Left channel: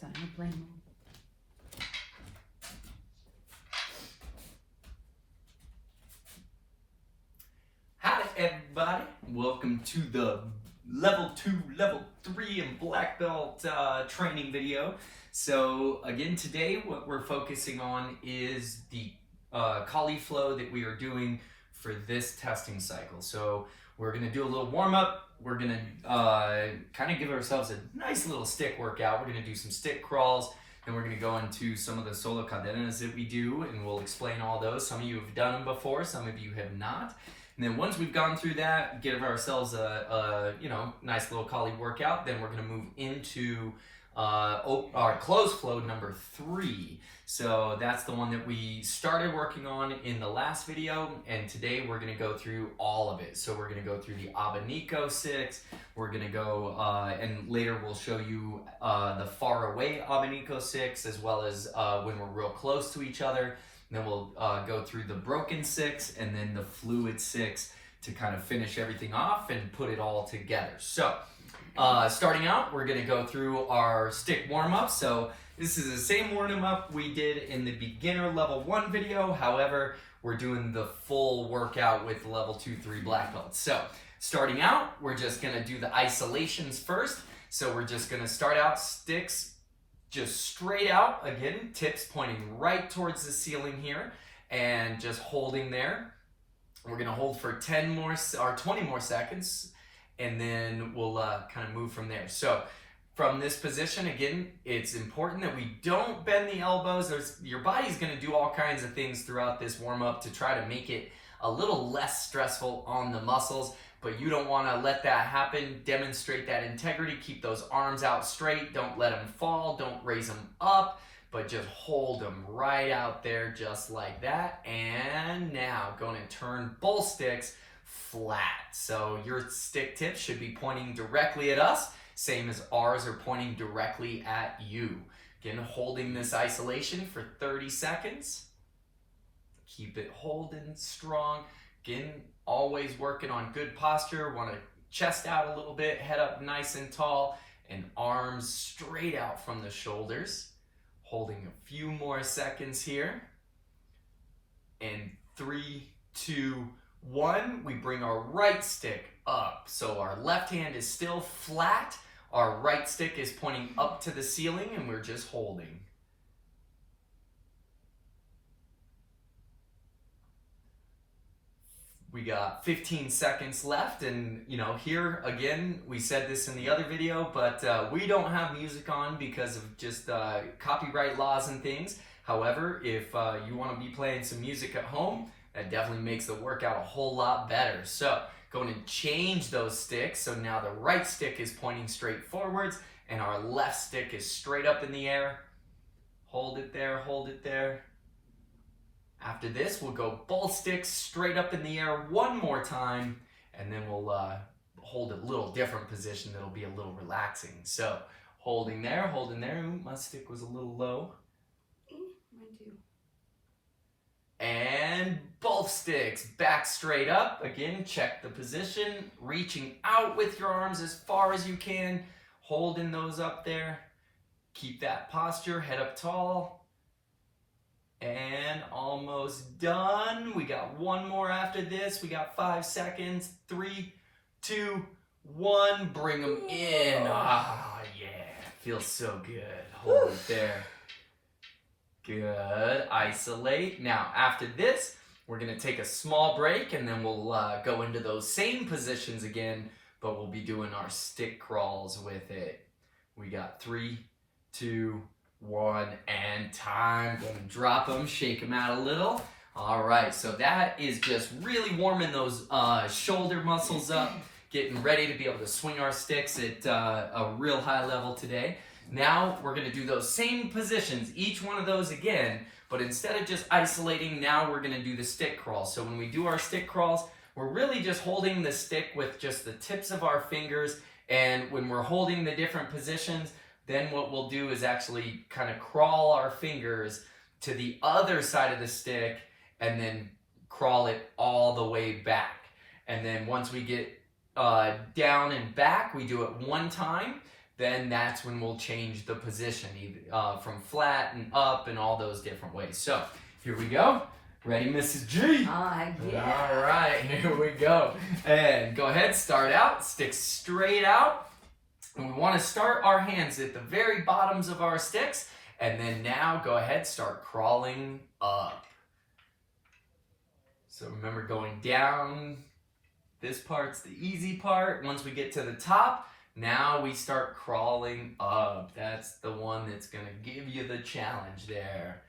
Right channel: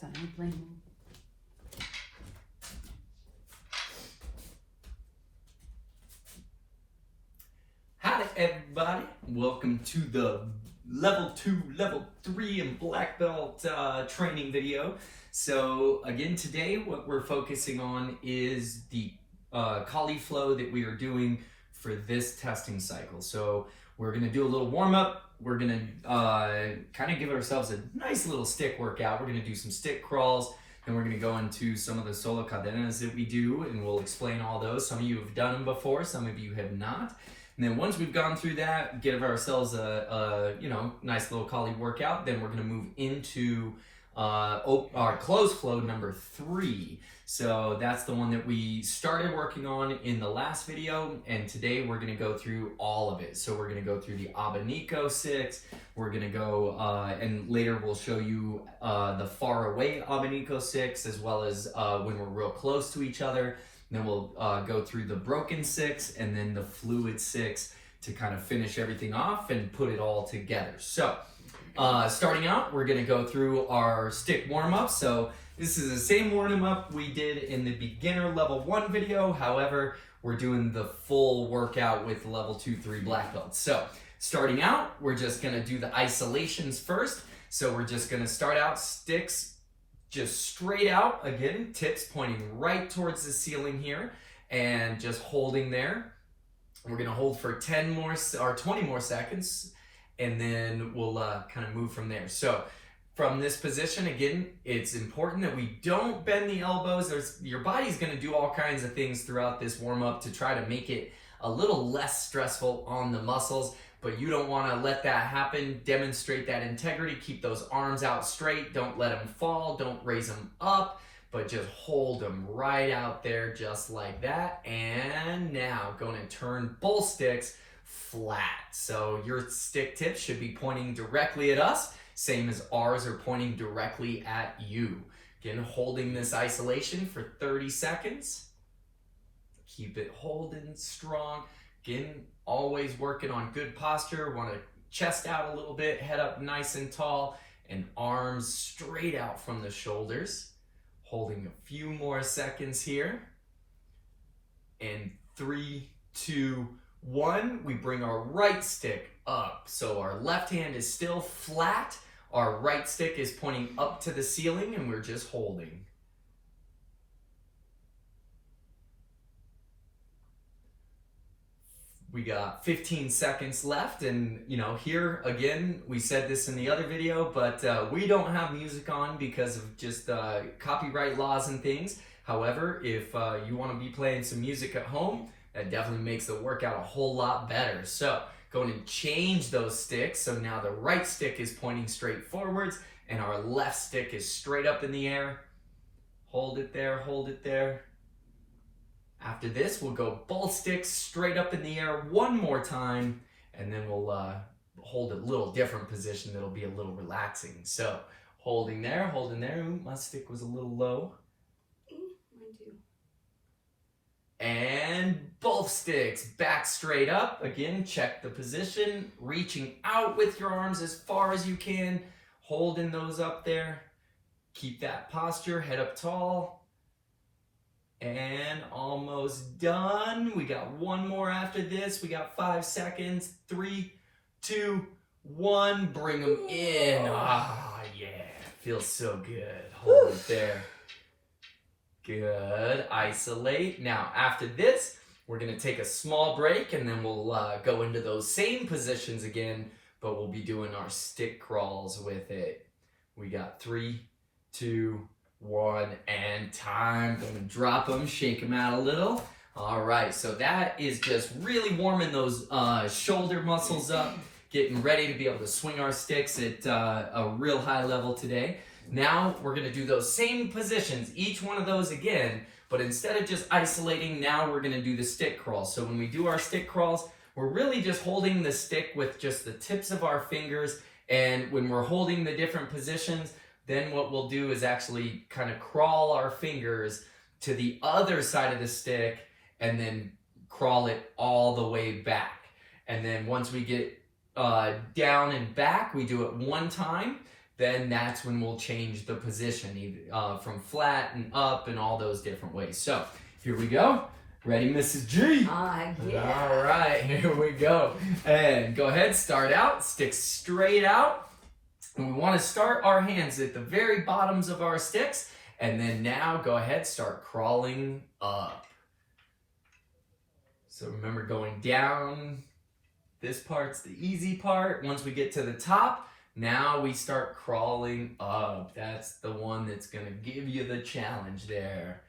It's on airplane mode. Hi everybody, welcome to the level 2, level 3 and black belt training video. So again, today what we're focusing on is the collie flow that we are doing for this testing cycle. So we're going to do a little warm up. We're going to kind of give ourselves a nice little stick workout. We're going to do some stick crawls. Then we're going to go into some of the solo cadenas that we do, and we'll explain all those. Some of you have done them before, some of you have not. And then once we've gone through that, give ourselves a nice little collie workout, then we're going to move into our closed flow number 3. So that's the one that we started working on in the last video, and today we're going to go through all of it. So we're going to go through the Abanico 6, we're going to go, and later we'll show you the far away Abanico 6, as well as when we're real close to each other. And then we'll go through the broken 6 and then the fluid 6 to kind of finish everything off and put it all together. So starting out, we're going to go through our stick warm-up. So this is the same warm-up we did in the beginner level 1 video. However, we're doing the full workout with level 2, 3 black belts. So starting out, we're just going to do the isolations first. So we're just going to start out sticks just straight out, again, tips pointing right towards the ceiling here, and just holding there. We're gonna hold for 10 more or 20 more seconds, and then we'll kind of move from there. So from this position, again, it's important that we don't bend the elbows. Your body's gonna do all kinds of things throughout this warm-up to try to make it a little less stressful on the muscles, but you don't want to let that happen. Demonstrate that integrity. Keep those arms out straight. Don't let them fall. Don't raise them up, but just hold them right out there just like that. And now going to turn both sticks flat. So your stick tips should be pointing directly at us, same as ours are pointing directly at you. Again, holding this isolation for 30 seconds. Keep it holding strong. Again, always working on good posture. Want to chest out a little bit, head up nice and tall, and arms straight out from the shoulders. Holding a few more seconds here. And 3, 2, 1. We bring our right stick up. So our left hand is still flat. Our right stick is pointing up to the ceiling, and we're just holding. We got 15 seconds left, and here again, we said this in the other video, but we don't have music on because of just copyright laws and things. However, if you want to be playing some music at home, that definitely makes the workout a whole lot better. So going to change those sticks. So now the right stick is pointing straight forwards, and our left stick is straight up in the air. Hold it there, hold it there. After this, we'll go both sticks straight up in the air one more time, and then we'll hold a little different position that'll be a little relaxing. So holding there. Ooh, my stick was a little low. Mine too. And both sticks back straight up. Again, check the position, reaching out with your arms as far as you can, holding those up there. Keep that posture, head up tall. And almost done. We got one more after this. We got 5 seconds. 3, 2, 1. Bring them in. Ah, yeah. Feels so good. Hold it there. Good. Isolate. Now, after this, we're going to take a small break, and then we'll go into those same positions again, but we'll be doing our stick crawls with it. We got 3, 2, 1, and time. Gonna drop them, shake them out a little. All right, so that is just really warming those shoulder muscles up, getting ready to be able to swing our sticks at a real high level today. Now we're gonna do those same positions, each one of those again, but instead of just isolating, now we're gonna do the stick crawls. So when we do our stick crawls, we're really just holding the stick with just the tips of our fingers, and when we're holding the different positions, then what we'll do is actually kind of crawl our fingers to the other side of the stick and then crawl it all the way back. And then once we get down and back, we do it one time. then that's when we'll change the position from flat and up and all those different ways. So here we go. Ready, Mrs. G? Yeah. All right, here we go. And go ahead, start out, stick straight out. And we want to start our hands at the very bottoms of our sticks. And then now go ahead, start crawling up. So remember, going down, this part's the easy part. Once we get to the top, now we start crawling up. That's the one that's gonna give you the challenge there.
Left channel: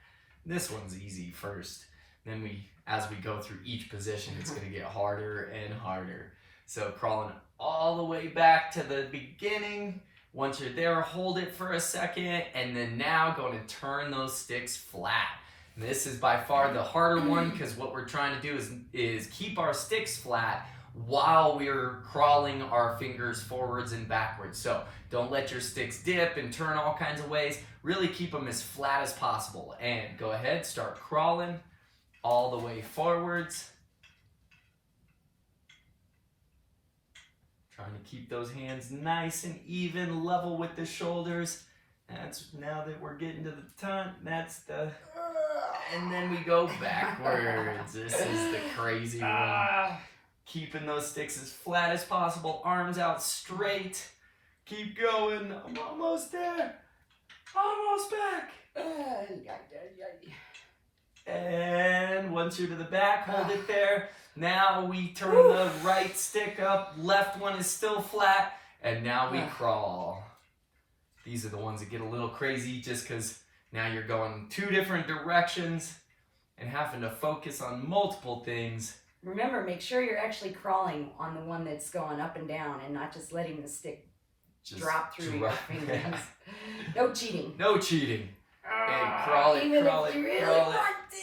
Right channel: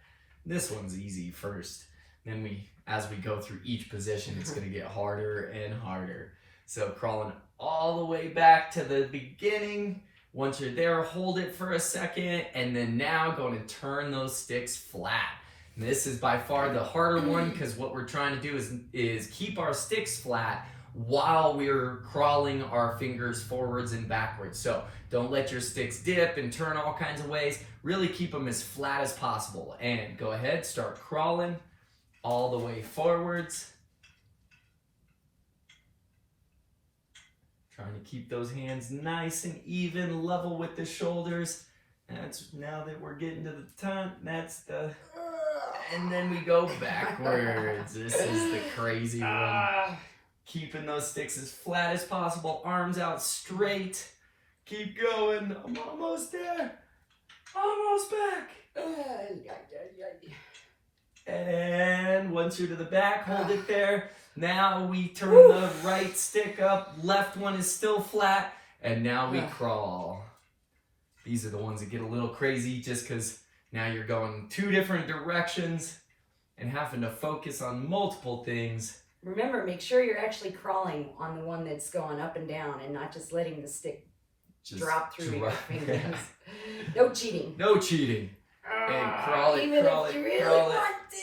This one's easy first. Then as we go through each position, it's gonna get harder and harder. So crawling all the way back to the beginning. Once you're there, hold it for a second, and then now going to turn those sticks flat. And this is by far the harder one, because what we're trying to do is keep our sticks flat while we're crawling our fingers forwards and backwards. So don't let your sticks dip and turn all kinds of ways. Really keep them as flat as possible. And go ahead, start crawling all the way forwards. Trying to keep those hands nice and even, level with the shoulders. That's now that we're getting to the top, and then we go backwards. This is the crazy one. Keeping those sticks as flat as possible, arms out straight. Keep going. I'm almost there. Almost back. And once you're to the back, hold it there. Now we turn the right stick up, left one is still flat, and now we crawl. These are the ones that get a little crazy just because now you're going 2 different directions and having to focus on multiple things. Remember, make sure you're actually crawling on the one that's going up and down and not just letting the stick drop through your fingers. No cheating. No cheating. And crawl it, even crawl if it, you really crawl want to.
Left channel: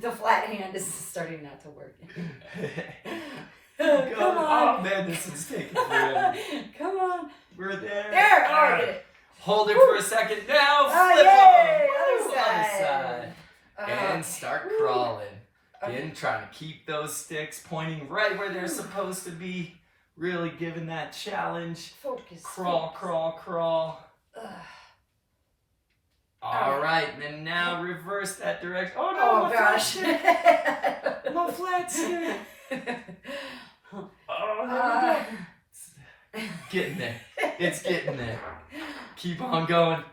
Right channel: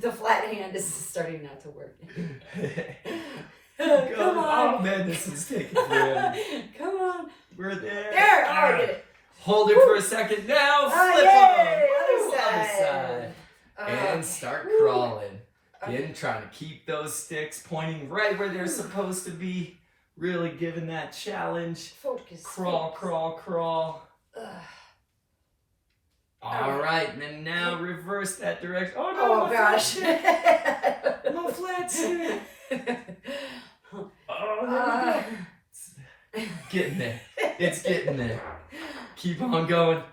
The flat hand is starting not to work. Come on. Oh man, this is taking forever. Come on. We're there. There. Oh, I did it. Hold it for a second. Now flip yay! them. Other side. And start crawling. Again, trying to keep those sticks pointing right where they're supposed to be. Really giving that challenge. Focus. Crawl, focus. crawl, crawl. All right, and then now reverse that direction. Oh no! Oh gosh! My flat stick. Oh, getting there. It's getting there. Keep on going.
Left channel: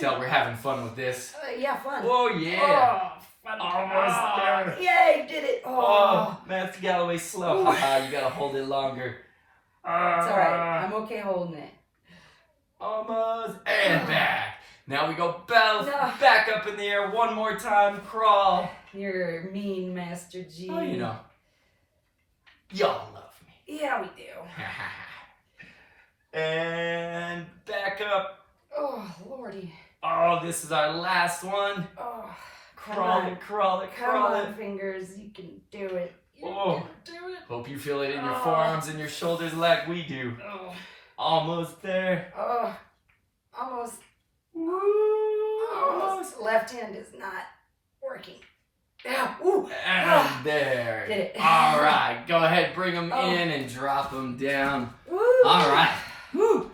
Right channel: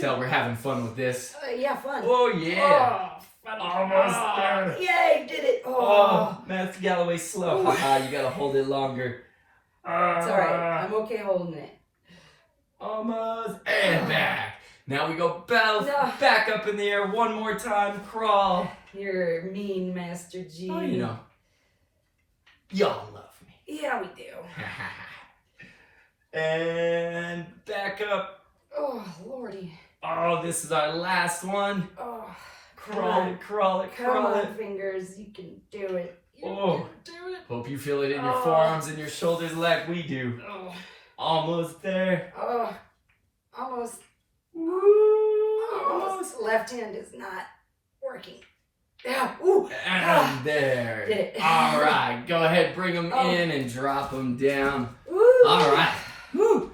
Tell we're having fun with this. Yeah, fun. Oh yeah. Fun. Almost there. Yay, did it. Oh, Matthew Galloway slow. Haha, you gotta hold it longer. It's alright. I'm okay holding it. Almost. And back. Now we go back up in the air one more time. Crawl. You're mean, Master G. Oh, you know. Y'all love me. Yeah, we do. And back up. Oh, Lordy. Oh, this is our last one. Oh, Crawl it, crawl it, come crawl on, it. fingers. You can do it. You Oh. can do it. Hope you feel it in your forearms and your shoulders like we do. Oh. Almost there. Oh. Almost. Woo! Almost. Left hand is not working. Yeah. Ooh. And there. Did it. All right. Go ahead. Bring them in and drop them down. Woo. All right. Woo.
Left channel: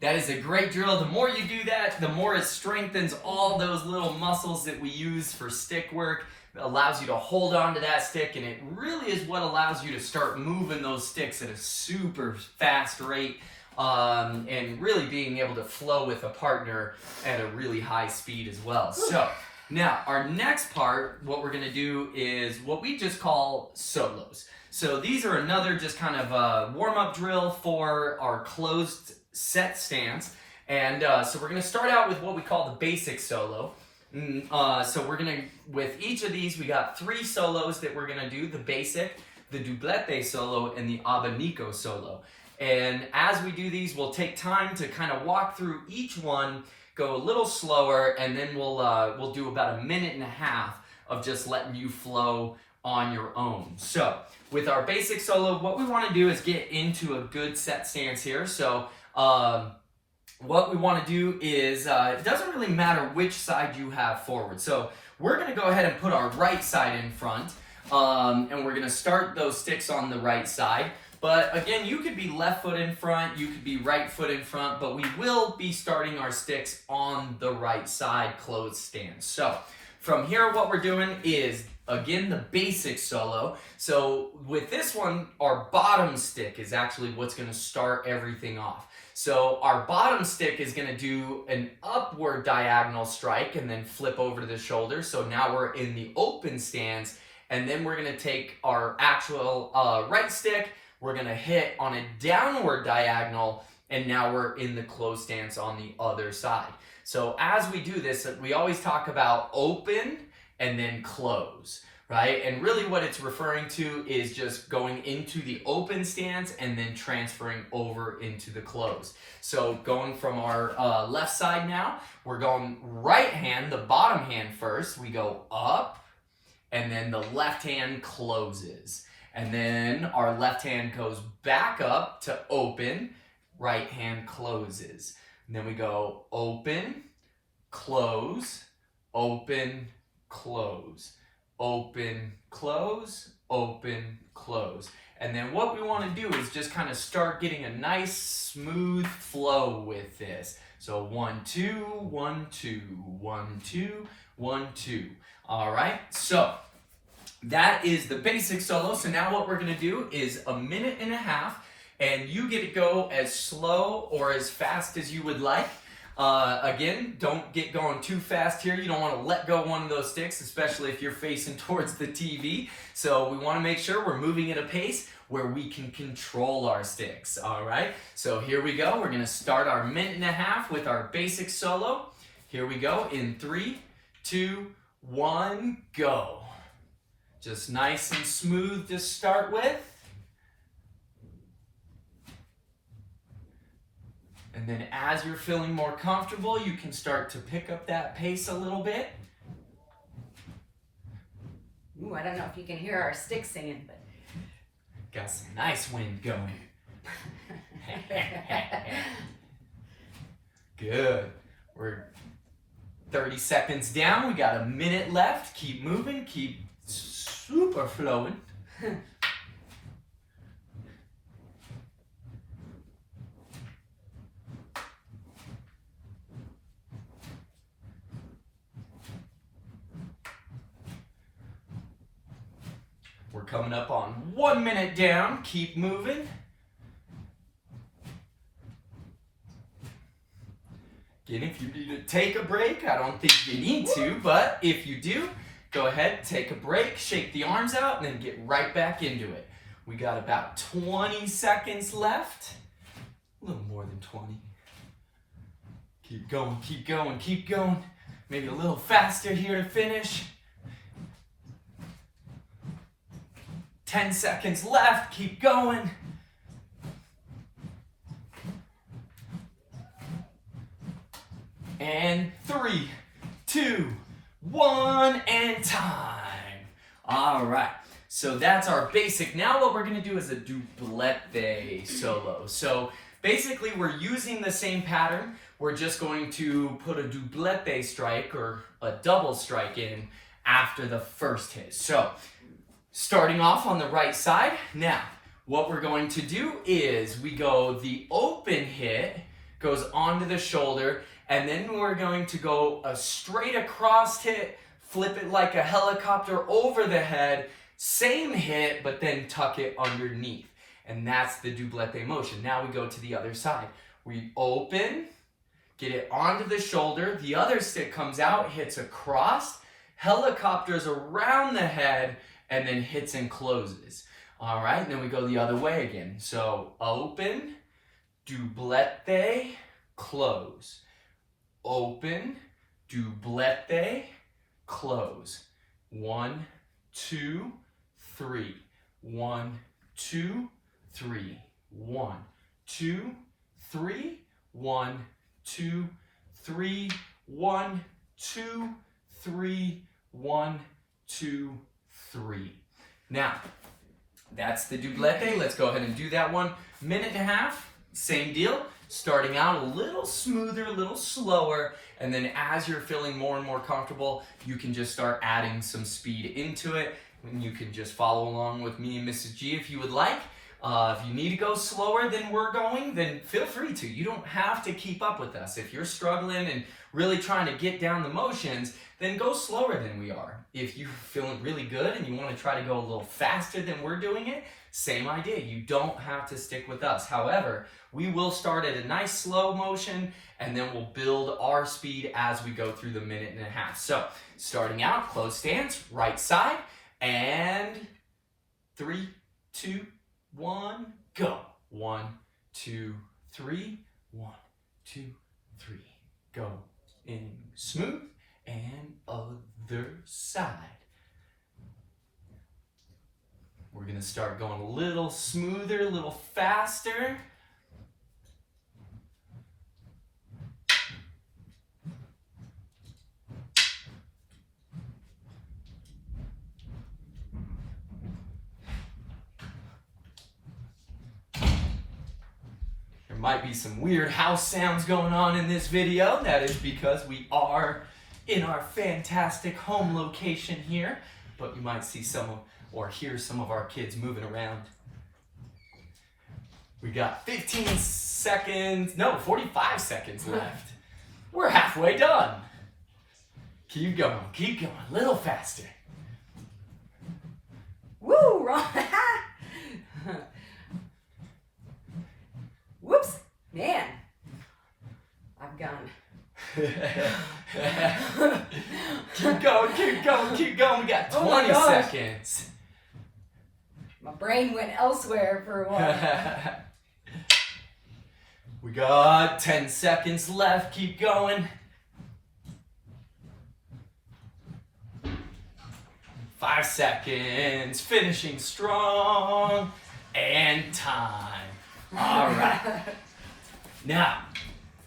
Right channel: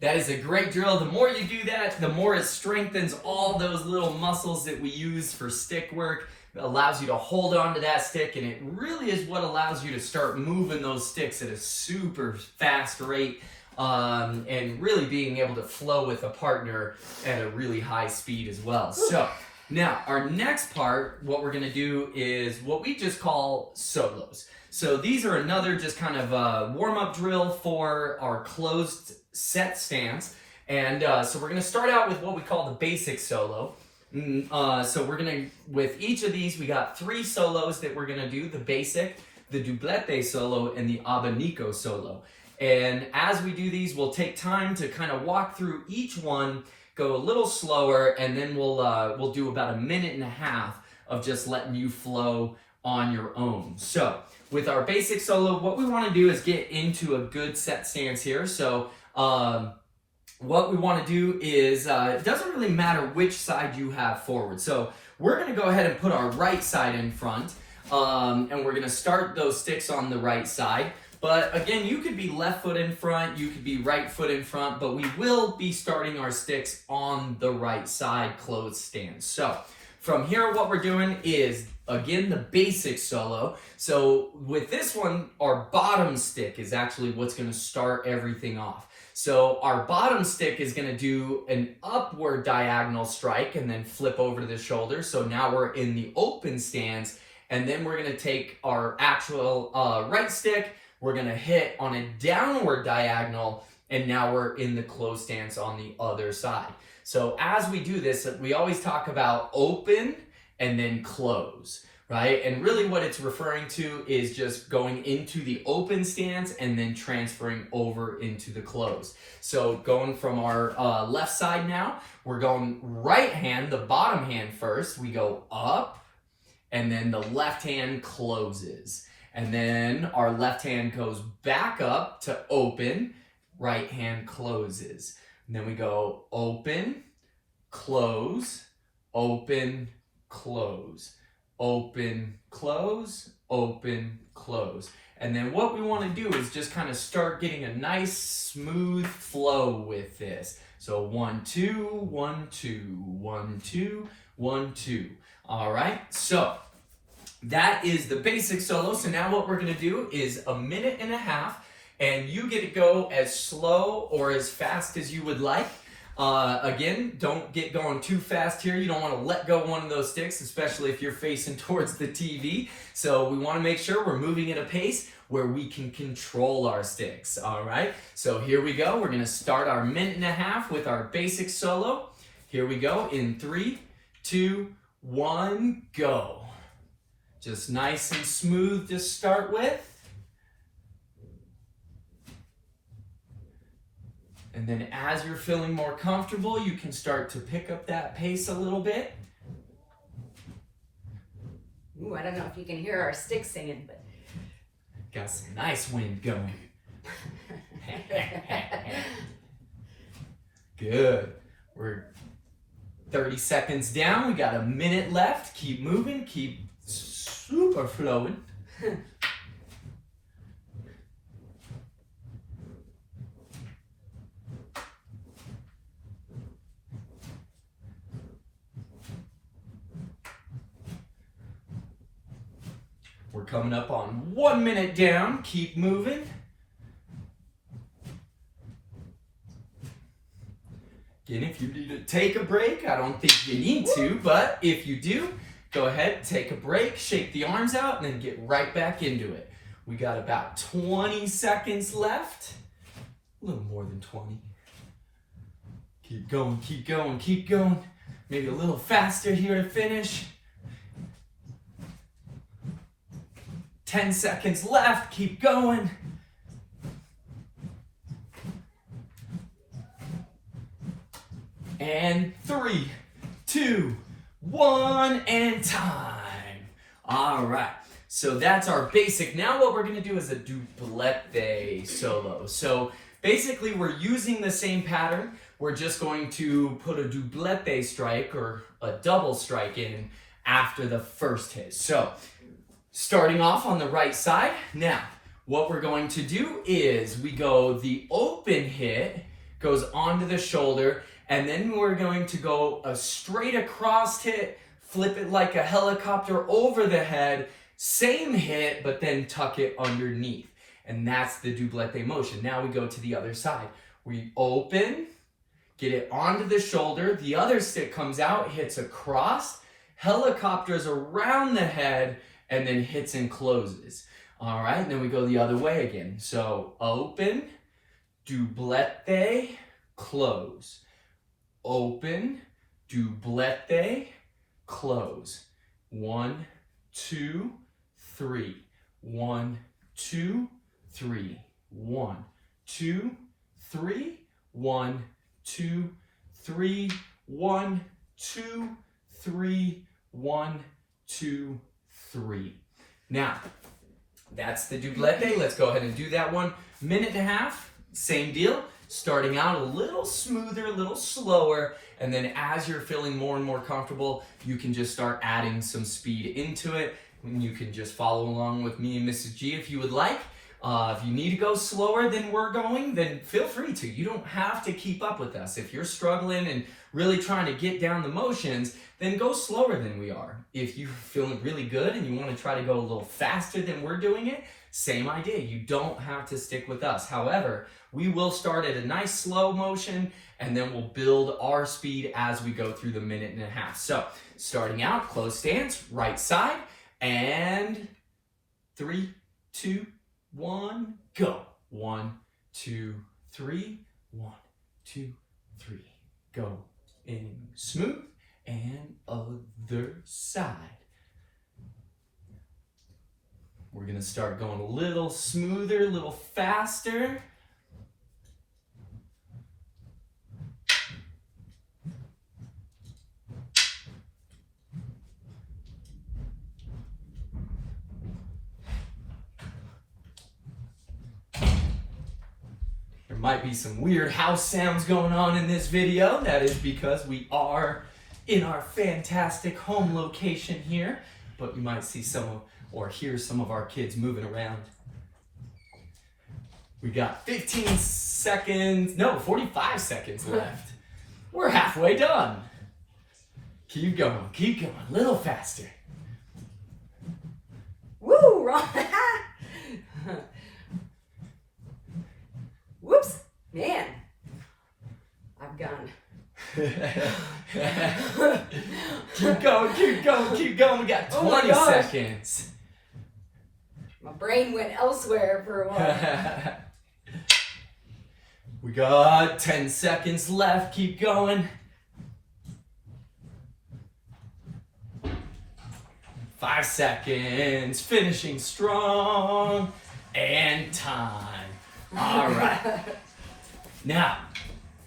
That is a great drill. The more you do that, the more it strengthens all those little muscles that we use for stick work. It allows you to hold on to that stick, and it really is what allows you to start moving those sticks at a super fast rate, and really being able to flow with a partner at a really high speed as well. So now our next part, what we're gonna do is what we just call solos. So these are another just kind of warm-up drill for our closed set stance. And so we're gonna start out with what we call the basic solo. So we're gonna, with each of these, we got 3 solos that we're gonna do: the basic, the doublette solo, and the Abanico solo. And as we do these, we'll take time to kind of walk through each one, go a little slower, and then we'll do about a minute and a half of just letting you flow on your own. So with our basic solo, what we want to do is get into a good set stance here. So what we want to do is, it doesn't really matter which side you have forward. So we're going to go ahead and put our right side in front, and we're going to start those sticks on the right side. But again, you could be left foot in front, you could be right foot in front, but we will be starting our sticks on the right side closed stance. So from here, what we're doing is, again, the basic solo. So with this one, our bottom stick is actually what's gonna start everything off. So our bottom stick is gonna do an upward diagonal strike and then flip over to the shoulder. So now we're in the open stance, and then we're gonna take our actual right stick, we're gonna hit on a downward diagonal, and now we're in the closed stance on the other side. So as we do this, we always talk about open and then close, right? And really what it's referring to is just going into the open stance and then transferring over into the closed. So going from our left side now, we're going right hand, the bottom hand first. We go up, and then the left hand closes. And then our left hand goes back up to open, right hand closes. And then we go open, close, open, close, open, close, open, close. And then what we want to do is just kind of start getting a nice smooth flow with this. So 1, 2, 1, 2, 1, 2, 1, 2. All right, so that is the basic solo. So now what we're gonna do is 1.5 minutes, and you get to go as slow or as fast as you would like. Again, don't get going too fast here. You don't want to let go one of those sticks, especially if you're facing towards the TV. So we want to make sure we're moving at a pace where we can control our sticks. All right, so here we go. We're gonna start our 1.5 minutes with our basic solo. Here we go in 3, 2, 1, go. Just nice and smooth to start with. And then as you're feeling more comfortable, you can start to pick up that pace a little bit. Ooh, I don't know if you can hear our sticks singing, but got some nice wind going. Good. We're 30 seconds down. We got 1 minute left. Keep moving. Keep super flowing. We're coming up on 1 minute down. Keep moving. Again, if you need to take a break, I don't think you need to, but if you do, go ahead, take a break, shake the arms out, and then get right back into it. We got about 20 seconds left. A little more than 20. Keep going, keep going, keep going. Maybe a little faster here to finish. 10 seconds left, keep going. And 3, 2, 1, and time. All right, so that's our basic. Now what we're gonna do is a doublette solo. So basically we're using the same pattern. We're just going to put a doublette strike or a double strike in after the first hit. So starting off on the right side. Now, what we're going to do is we go the open hit, goes onto the shoulder, and then we're going to go a straight across hit, flip it like a helicopter over the head, same hit, but then tuck it underneath. And that's the doublette motion. Now we go to the other side. We open, get it onto the shoulder, the other stick comes out, hits across, helicopters around the head, and then hits and closes. All right, and then we go the other way again. So open, doublette, close. Open, doublette, close. 1, 2, 3. 1, 2, 3. 1, 2, 3. 1, 2, 3. 1, 2, 3. 1, 2, 3. Now, that's the doublette. Let's go ahead and do that 1.5 minutes. Same deal. Starting out a little smoother, a little slower, and then as you're feeling more and more comfortable, you can just start adding some speed into it. And you can just follow along with me and Mrs. G if you would like. If you need to go slower than we're going, then feel free to. You don't have to keep up with us. If you're struggling and really trying to get down the motions, then go slower than we are. If you're feeling really good and you want to try to go a little faster than we're doing it, same idea. You don't have to stick with us. However, we will start at a nice slow motion and then we'll build our speed as we go through the 1.5 minutes. So starting out, closed stance, right side, and 3, 2, 1, go. 1, 2, 3, 1, 2, 3, go. In smooth and other side. We're gonna start going a little smoother, a little faster. There might be some weird house sounds going on in this video. That is because we are in our fantastic home location here, but you might see some or hear some of our kids moving around. We got 45 seconds left. We're halfway done. Keep going, a little faster. Woo, Ron. Whoops, man. I've gone. Keep going. We got 20 seconds. My brain went elsewhere for a while. We got 10 seconds left. Keep going. 5 seconds. Finishing strong. And time. All right. Now,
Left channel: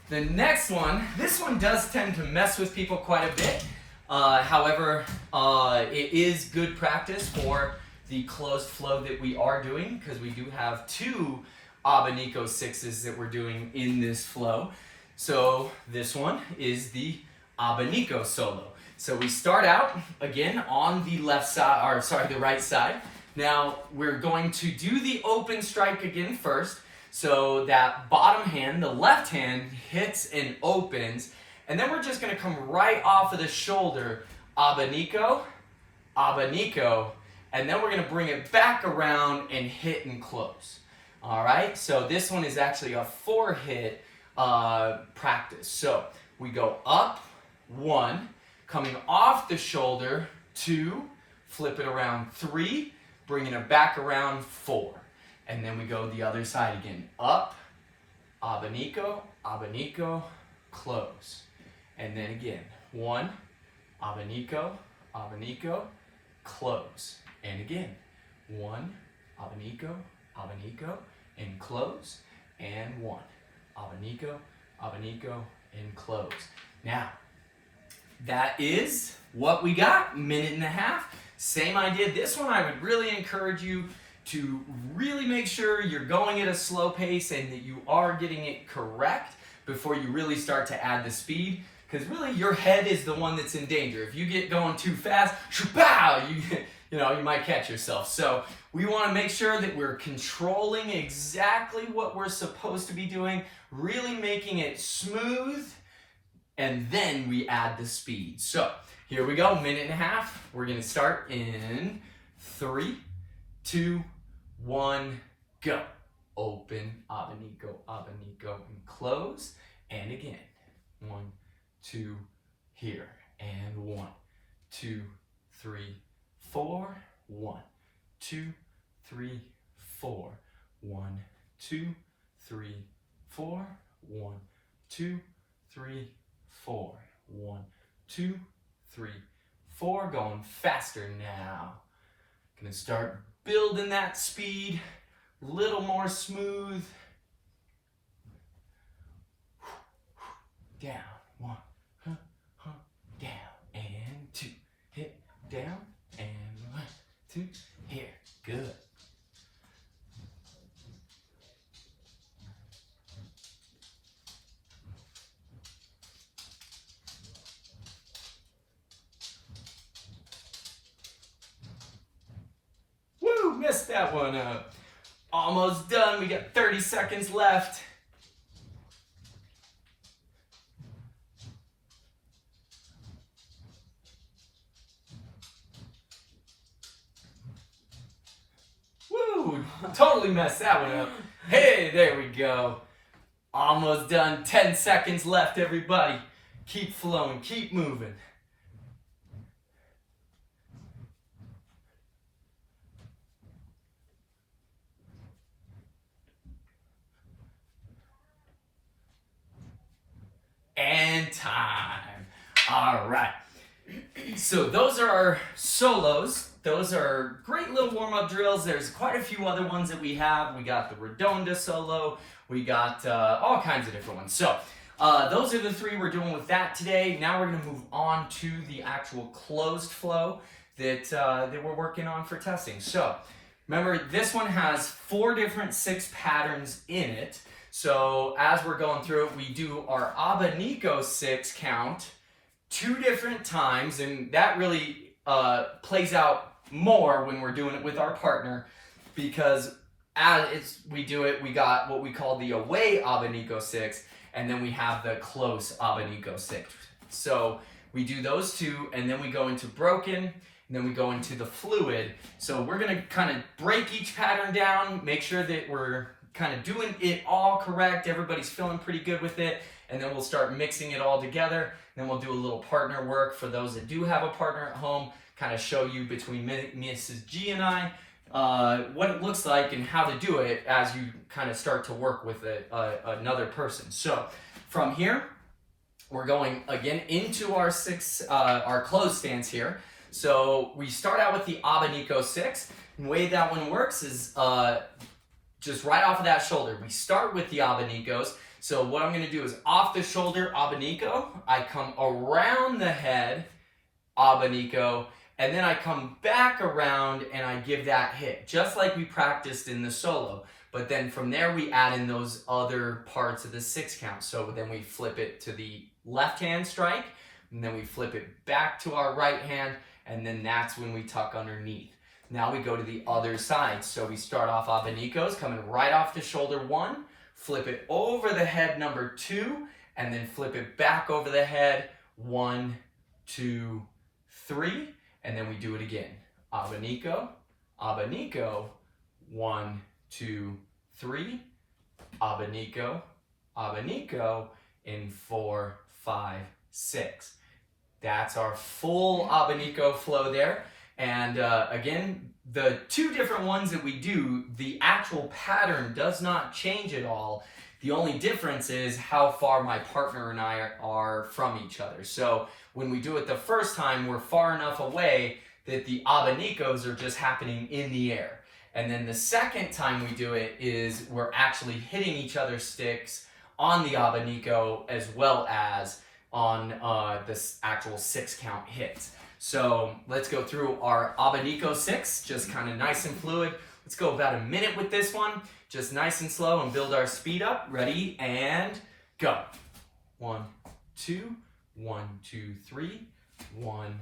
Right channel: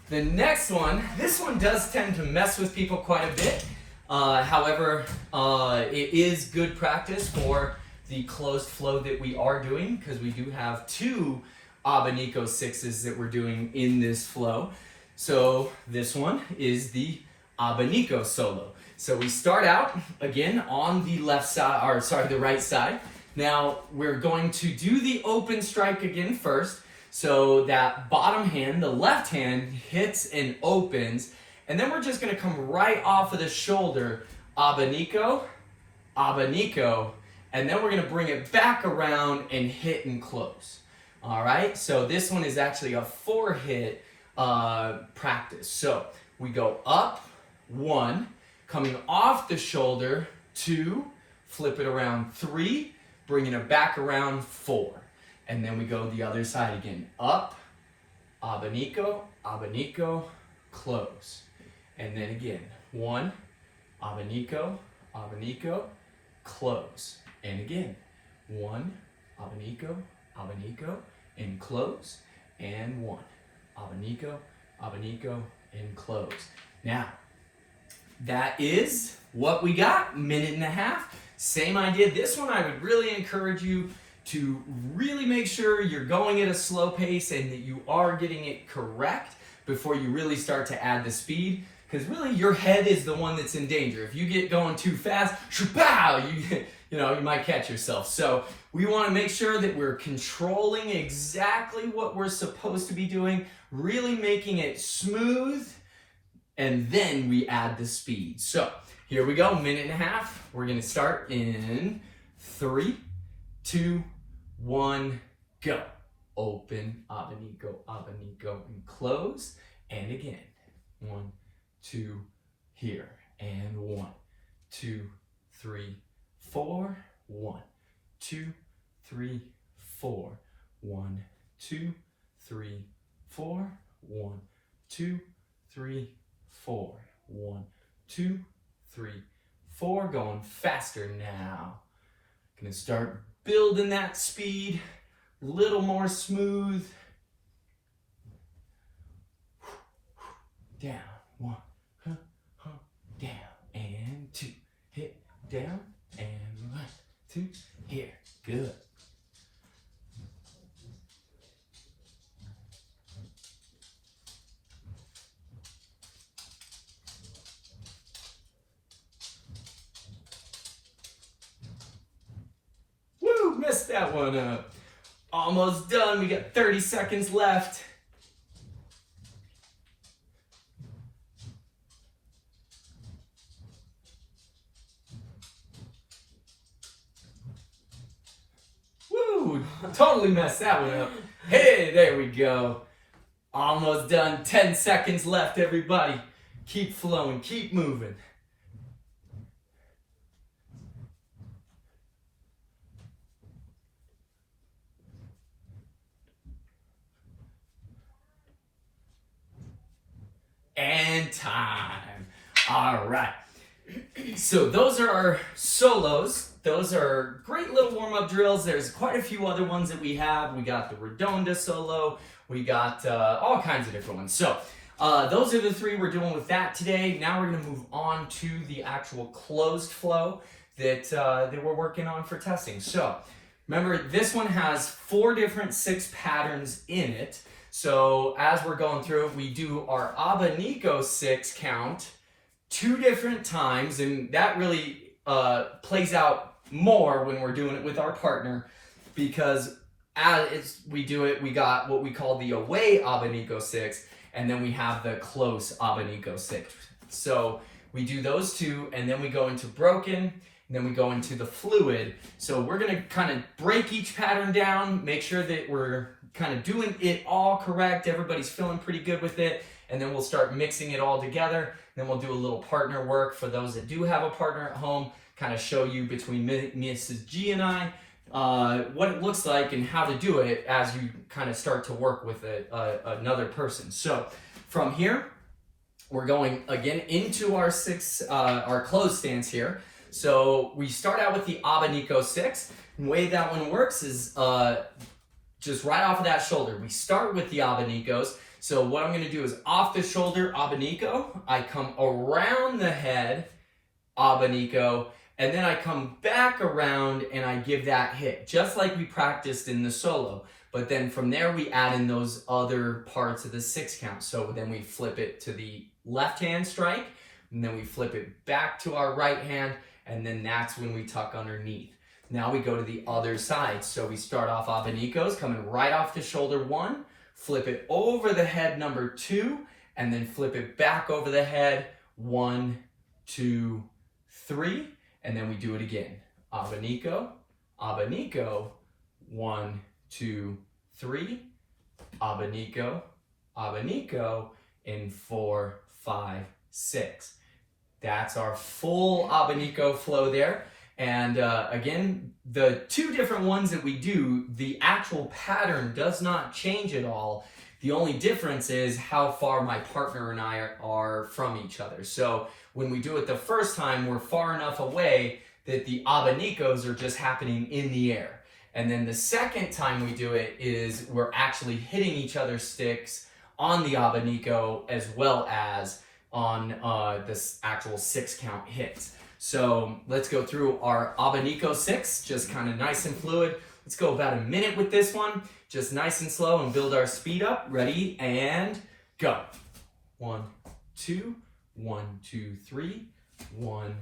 the next one, this one does tend to mess with people quite a bit. However, it is good practice for the closed flow that we are doing because we do have 2 Abanico 6s that we're doing in this flow. So this one is the Abanico solo. So we start out again on the the right side. Now we're going to do the open strike again first. So that bottom hand, the left hand, hits and opens. And then we're just going to come right off of the shoulder. Abanico, Abanico. And then we're going to bring it back around and hit and close. All right? So this one is actually a 4-hit practice. So we go up, 1, coming off the shoulder, 2, flip it around, 3, bringing it back around, 4. And then we go the other side again. Up, Abanico, Abanico, close. And then again, 1, Abanico, Abanico, close. And again, 1, Abanico, Abanico, and close. And 1, Abanico, Abanico, and close. Now, that is what we got, 1.5 minutes. Same idea. This one I would really encourage you to really make sure you're going at a slow pace and that you are getting it correct before you really start to add the speed. Because really your head is the one that's in danger. If you get going too fast, you might catch yourself. So we want to make sure that we're controlling exactly what we're supposed to be doing, really making it smooth, and then we add the speed. So here we go, 1.5 minutes. We're going to start in 3, 2, 1, go. Open, Abanico, Abanico, and close. And again, 1, 2, here. And 1, 2, 3, 4. 1, 2, 3, 4. 1, 2, 3, 4. 1, 2, 3, 4. 1, 2, 3, 4. Going faster now. Gonna start building that speed, a little more smooth. Down, 1, down, and 2, hit, down, and 1, 2, here, good. Woo, messed that one up. Almost done. We got 30 seconds left. Woo! Totally messed that one up. Hey, there we go. Almost done. 10 seconds left, everybody. Keep flowing. Keep moving. And time. All right. So those are our solos. Those are great little warm-up drills. There's quite a few other ones that we have. We got the Redonda solo. We got all kinds of different ones. So those are the three we're doing with that today. Now we're going to move on to the actual closed flow that we're working on for testing. So remember, this one has 4 different 6 patterns in it. So as we're going through it, we do our Abanico 6 count 2 different times, and that really plays out more when we're doing it with our partner, because as we do it, we got what we call the away Abanico 6, and then we have the close Abanico 6. So we do those 2, and then we go into broken, and then we go into the fluid. So we're gonna kind of break each pattern down, make sure that we're kind of doing it all correct, everybody's feeling pretty good with it, and then we'll start mixing it all together. Then we'll do a little partner work for those that do have a partner at home, kind of show you between Mrs. G and I what it looks like and how to do it as you kind of start to work with another person. So from here, we're going again into our closed stance here. So we start out with the Abanico 6. And the way that one works is just right off of that shoulder. We start with the Abanicos. So what I'm going to do is off the shoulder Abanico, I come around the head Abanico, and then I come back around and I give that hit, just like we practiced in the solo. But then from there we add in those other parts of the 6 count. So then we flip it to the left hand strike, and then we flip it back to our right hand, and then that's when we tuck underneath. Now we go to the other side. So we start off Abanicos, coming right off the shoulder 1, flip it over the head number 2, and then flip it back over the head 1, 2, 3, and then we do it again. Abanico, Abanico, 1, 2, 3, Abanico, Abanico, in 4, 5, 6. That's our full Abanico flow there. And again, the 2 different ones that we do, the actual pattern does not change at all. The only difference is how far my partner and I are from each other. So when we do it the first time, we're far enough away that the Abanicos are just happening in the air. And then the second time we do it is we're actually hitting each other's sticks on the Abanico as well as on this actual 6 count hits. So let's go through our Abanico 6, just kind of nice and fluid. Let's go about a minute with this one, just nice and slow, and build our speed up. Ready, and go. 1, 2, 1, 2, 3, 1,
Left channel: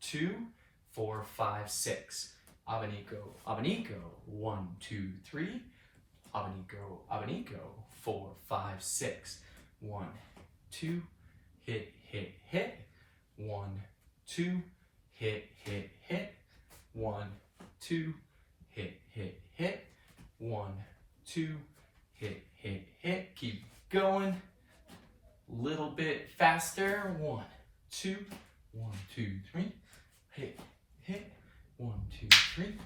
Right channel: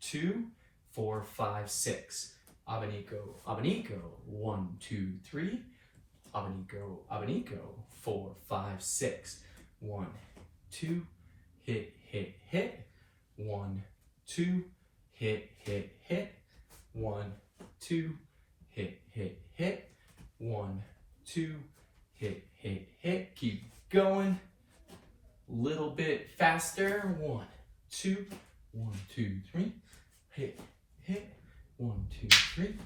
2, 4, 5, 6. Abanico, Abanico, 1, 2, 3. Abanico, Abanico, 4, 5, 6. 1, 2, hit, hit, hit. 1, 2, hit, hit, hit. 1, 2, hit, hit, hit. 1, 2, hit, hit, hit. Keep going. Little bit faster. 1, 2, 1, 2, 3. Hit, hit. 1, 2, 3.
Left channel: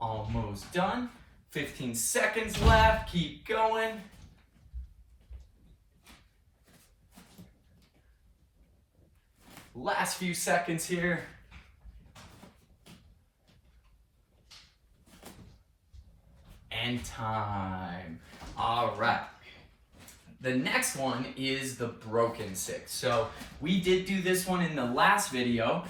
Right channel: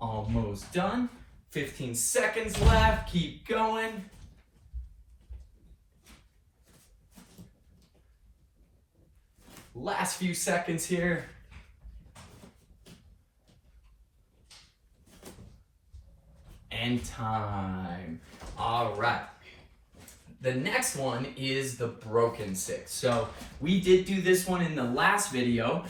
Almost done. 15 seconds left. Keep going. Last few seconds here. And time. All right. The next one is the broken 6. So we did do this one in the last video.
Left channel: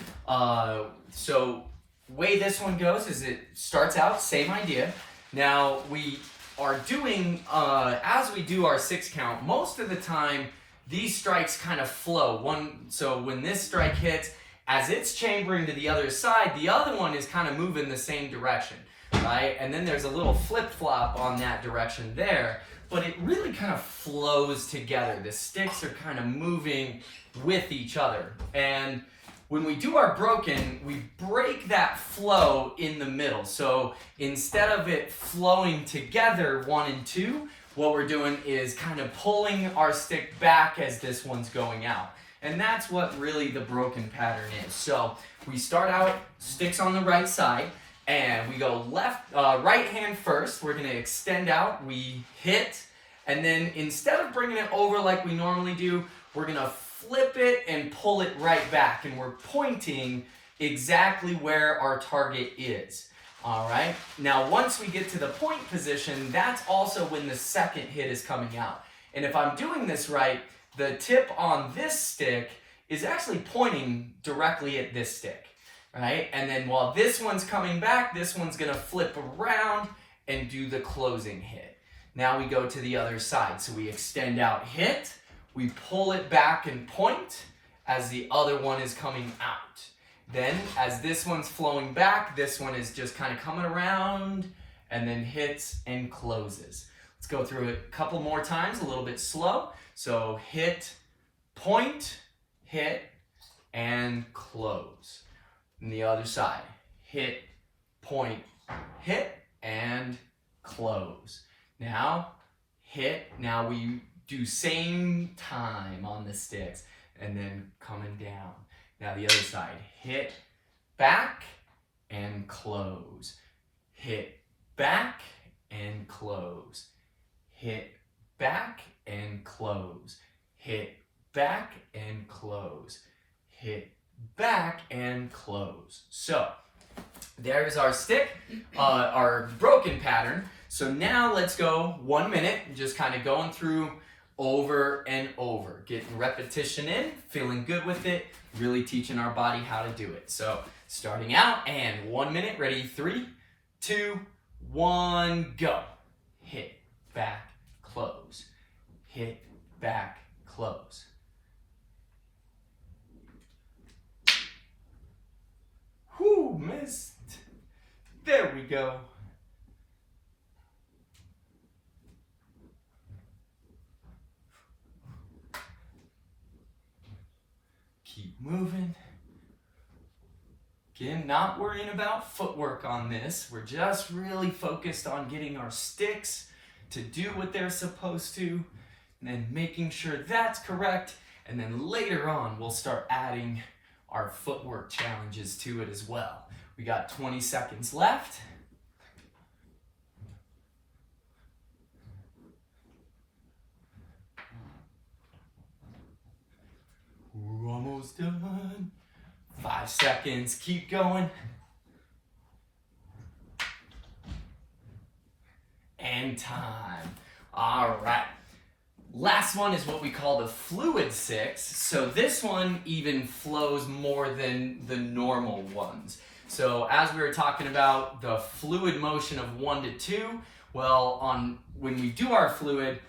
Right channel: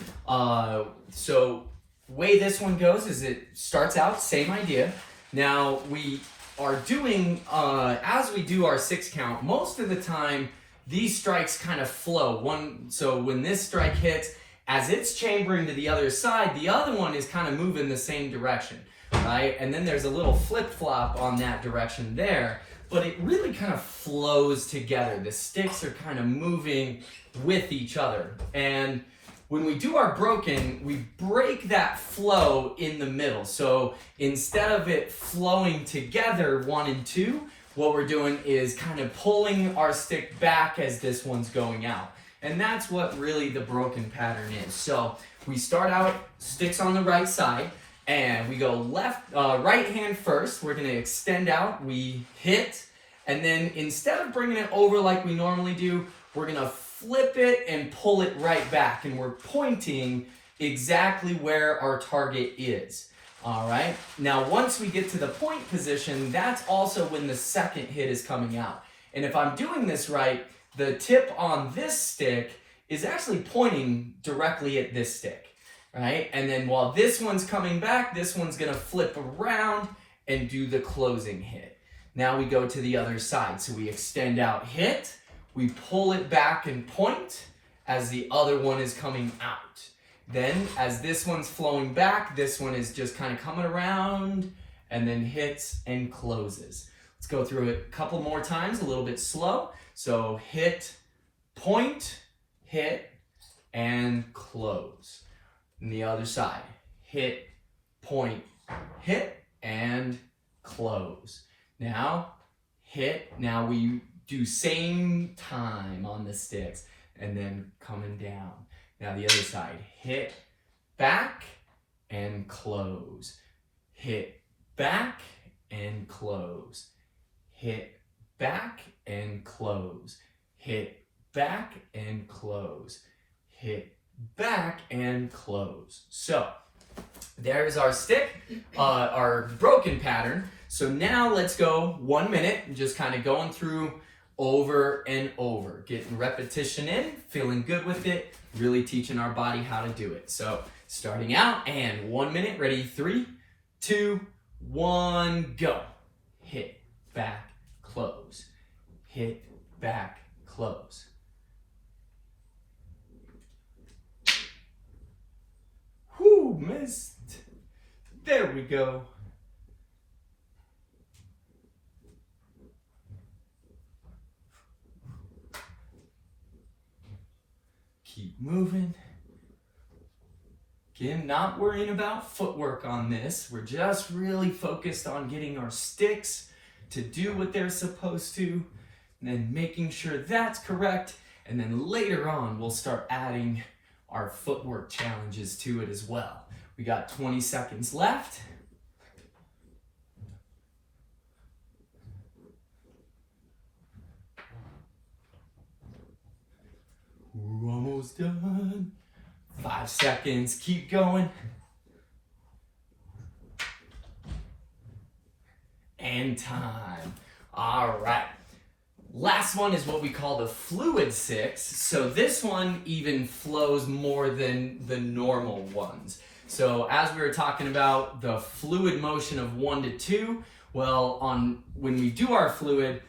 So way this one goes is it starts out, same idea. Now we are doing, as we do our 6 count, most of the time these strikes kind of flow. So when this strike hits, as it's chambering to the other side, the other one is kind of moving the same direction. right? And then there's a little flip-flop on that direction there, but it really kind of flows together. The sticks are kind of moving with each other. And when we do our broken, we break that flow in the middle. So instead of it flowing together 1 and 2, what we're doing is kind of pulling our stick back as this one's going out. And that's what really the broken pattern is. So we start out sticks on the right side, and we go right hand first. We're gonna extend out, we hit, and then instead of bringing it over like we normally do, we're gonna flip it and pull it right back, and we're pointing exactly where our target is. All right, now once we get to the point position, that's also when the second hit is coming out. And if I'm doing this right, the tip on this stick is actually pointing directly at this stick, right? And then while this one's coming back, this one's gonna flip around and do the closing hit. Now we go to the other side. So we extend out, hit, we pull it back and point as the other one is coming out. Then as this one's flowing back, this one is just kind of coming around and then hits and closes. Let's go through it a couple more times, a little bit slow. So hit, point, hit, and close. And the other side, hit, point, hit, and close. Now, hit, now we do same time on the sticks, and then coming down. Now the other side, hit, back, and close. Hit, back, and close. Hit, back, and close. Hit, back, and close. Hit, back, and close. So, there's our stick, our broken pattern. So now let's go 1 minute, just kind of going through over and over, getting repetition in, feeling good with it, really teaching our body how to do it. So starting out, and 1 minute, ready, 3, 2, 1, go. Hit, back, close. Hit, back, close. Whew, missed. There we go. Keep moving. Again, not worrying about footwork on this. We're just really focused on getting our sticks to do what they're supposed to, and then making sure that's correct. And then later on, we'll start adding our footwork challenges to it as well. We got 20 seconds left. We're almost done. 5 seconds, keep going. And time. All right. Last one is what we call the fluid 6. So this one even flows more than the normal ones. So as we were talking about the fluid motion of 1 to 2, well, when we do our fluid,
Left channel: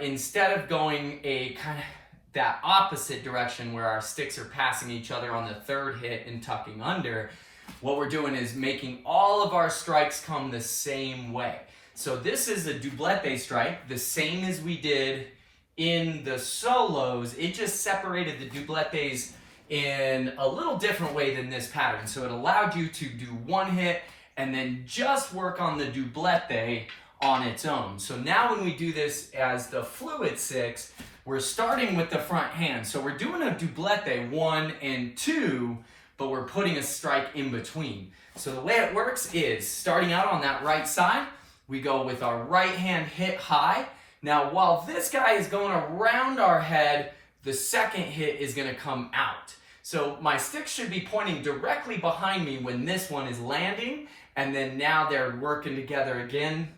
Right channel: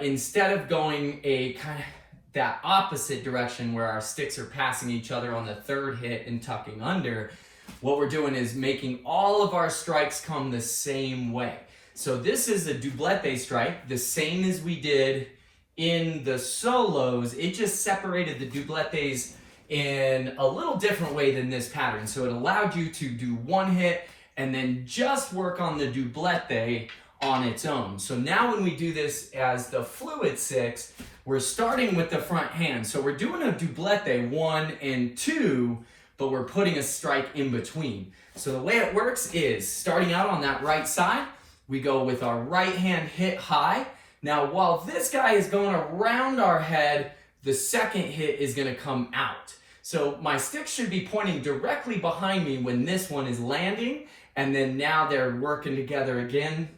instead of going a kind of that opposite direction where our sticks are passing each other on the third hit and tucking under, what we're doing is making all of our strikes come the same way. So this is a doublette strike, the same as we did in the solos. It just separated the doublettes in a little different way than this pattern. So it allowed you to do one hit and then just work on the doublette on its own. So now when we do this as the fluid 6, we're starting with the front hand. So we're doing a doublette 1 and 2, but we're putting a strike in between. So the way it works is starting out on that right side, we go with our right hand hit high. Now while this guy is going around our head, the second hit is gonna come out. So my stick should be pointing directly behind me when this one is landing, and then now they're working together again,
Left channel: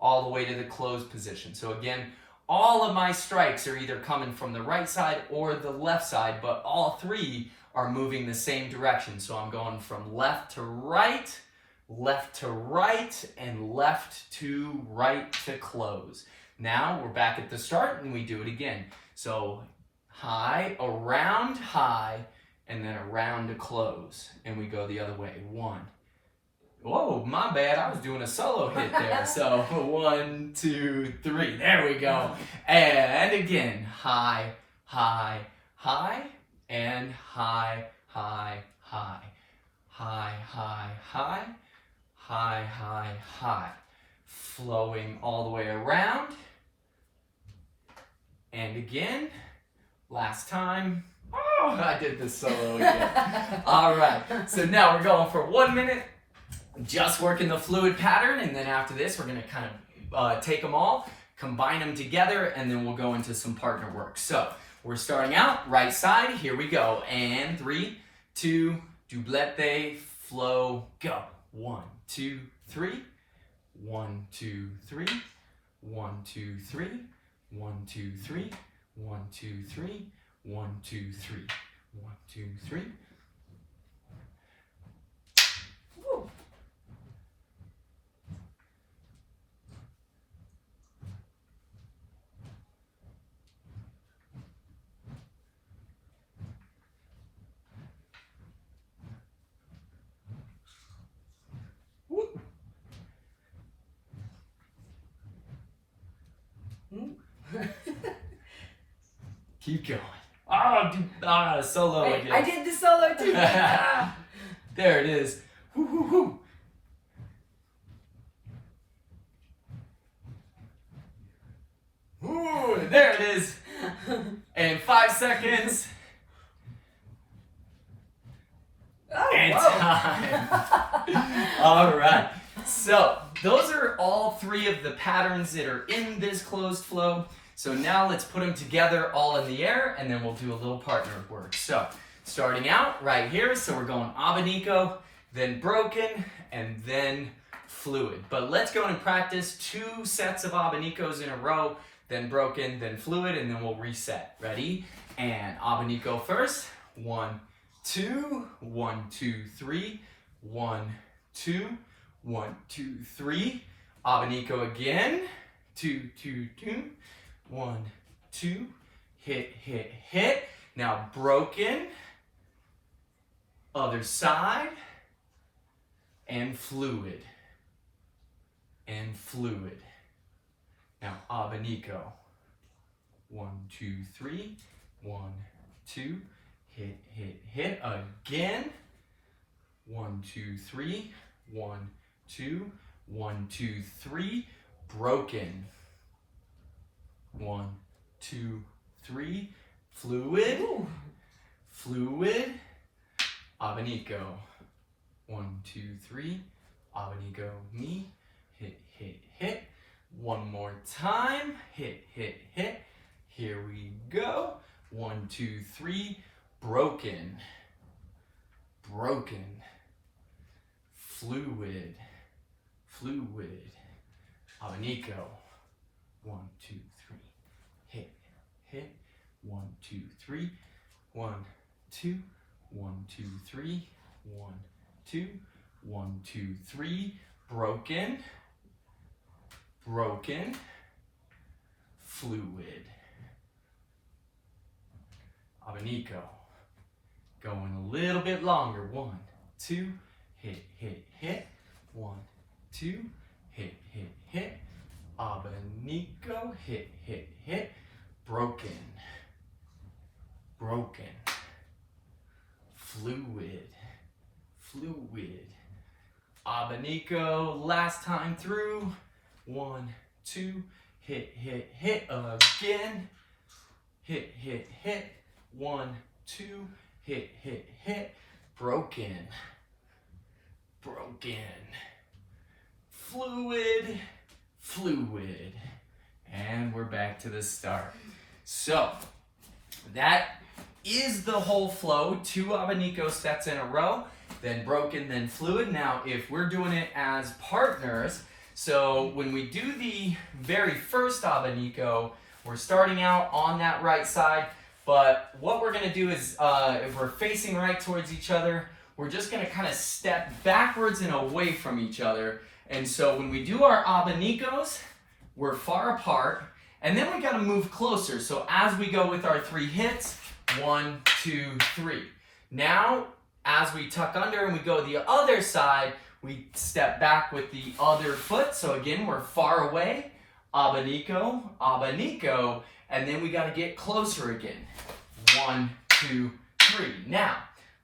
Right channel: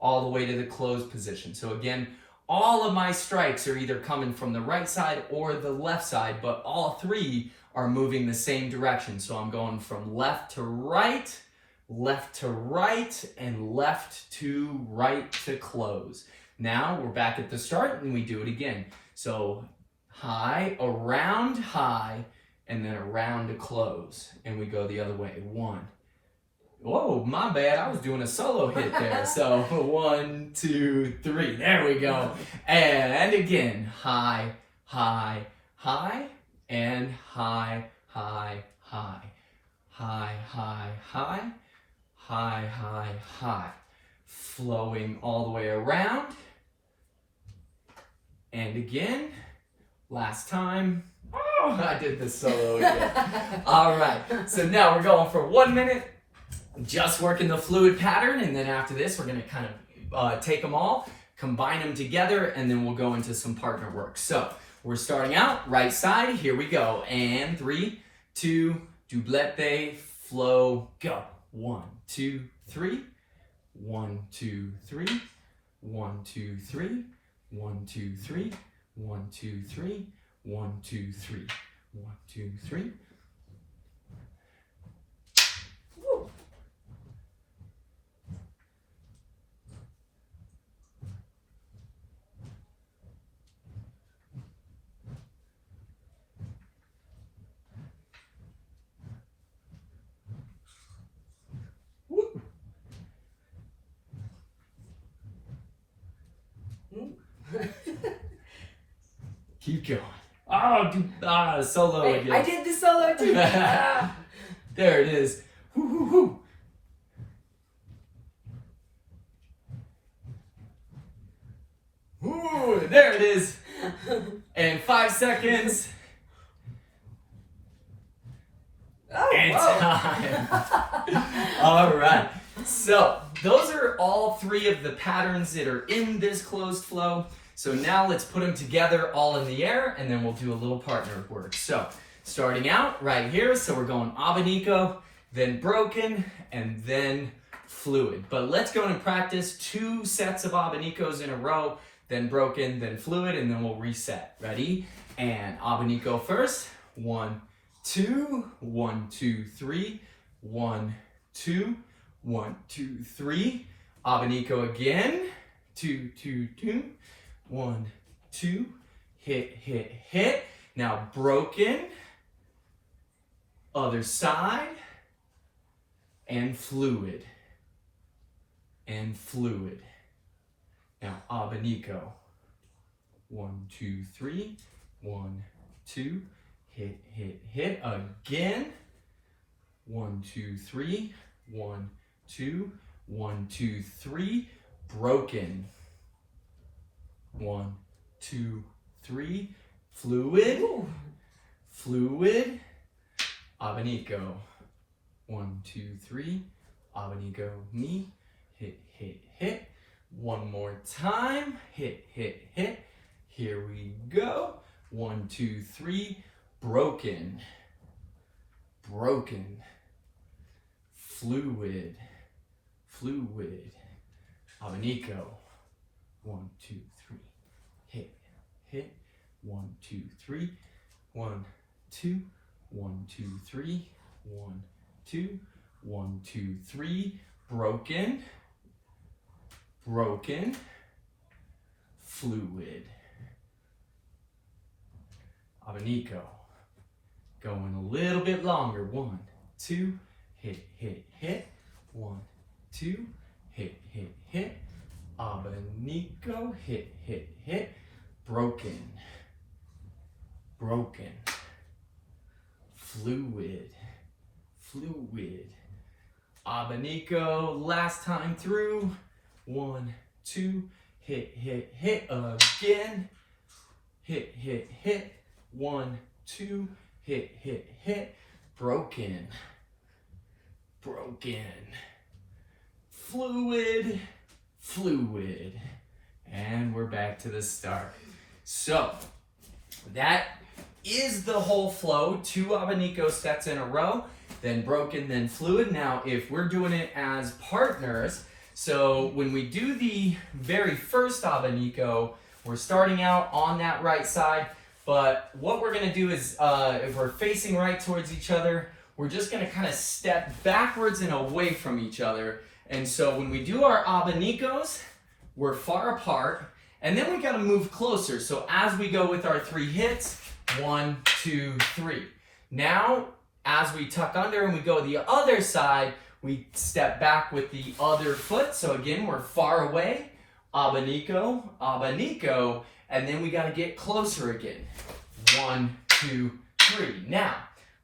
all the way to the closed position. So again, all of my strikes are either coming from the right side or the left side, but all three are moving the same direction. So I'm going from left to right, and left to right to close. Now we're back at the start and we do it again. So high, and then around to close. And we go the other way. 1, Whoa, my bad. I was doing a solo hit there. So 1, 2, 3. There we go. And again, high, high, high, and high, high, high, high, high, high, high, high, high. Flowing all the way around. And again, last time. Oh, I did this solo again. All right, so now we're going for 1 minute. Just working the fluid pattern, and then after this we're going to kind of take them all, combine them together, and then we'll go into some partner work. So we're starting out right side. Here we go. And 3, 2, doublette, flow, go. 1, 2, 3. 1, 2, 3. 1, 2, 3. 1, 2, 3. 1, 2, 3. 1, 2, 3. 1, 2, 3. Keep going. Oh, solo Wait, again. I did the solo too. There it is. Woo, woo, woo. Ooh, there it is. And 5 seconds. Oh, And whoa. time. All right. So those are all 3 of the patterns that are in this closed flow. So now let's put them together all in the air, and then we'll do a little partner work. So starting out right here, so we're going Abanico, then broken, and then fluid. But let's go and practice 2 sets of Abanicos in a row, then broken, then fluid, and then we'll reset. Ready? And Abanico first. 1, 2, 1, 2, 3, 1, 2, 1, 2, 3. Abanico again. 2, 2, 2. 1, 2, hit, hit, hit. Now broken, other side, and fluid, and fluid. Now Abanico. 1, 2, 3, 1, 2, hit, hit, hit. Again. 1, 2, 3, 1, 2, 1, 2, 3. Broken. 1, 2, 3, fluid, Ooh. fluid, Abanico. 1, 2, 3, Abanico, me, hit, hit, hit. One more time, hit, hit, hit. Here we go. 1, 2, 3, broken, broken, fluid, fluid, Abanico. 1, 2, 3, hit, hit. 1, 2, 3, 1, 2, 1, 2, 3, 1, 2, 1, 2, 3, broken, broken, fluid, Abanico. Going a little bit longer. 1, 2, hit, hit, hit. 1, 2, hit, hit, hit. Abanico, hit, hit, hit. Broken, broken, fluid, fluid. Abanico, last time through. 1, 2, hit, hit, hit. Again. Hit, hit, hit. 1, 2, hit, hit, hit. Broken, broken, fluid, fluid. And we're back to the start. So that is the whole flow. 2 Abanico sets in a row, then broken, then fluid. Now if we're doing it as partners, so when we do the very first Abanico, we're starting out on that right side, but what we're gonna do is if we're facing right towards each other, we're just gonna kind of step backwards and away from each other. And so when we do our Abanicos, we're far apart, and then we gotta move closer. So as we go with our 3 hits, 1, 2, 3. Now, as we tuck under and we go the other side, we step back with the other foot. So again, we're far away. Abanico, abanico, and then we got to get closer again. 1, 2, 3. Now,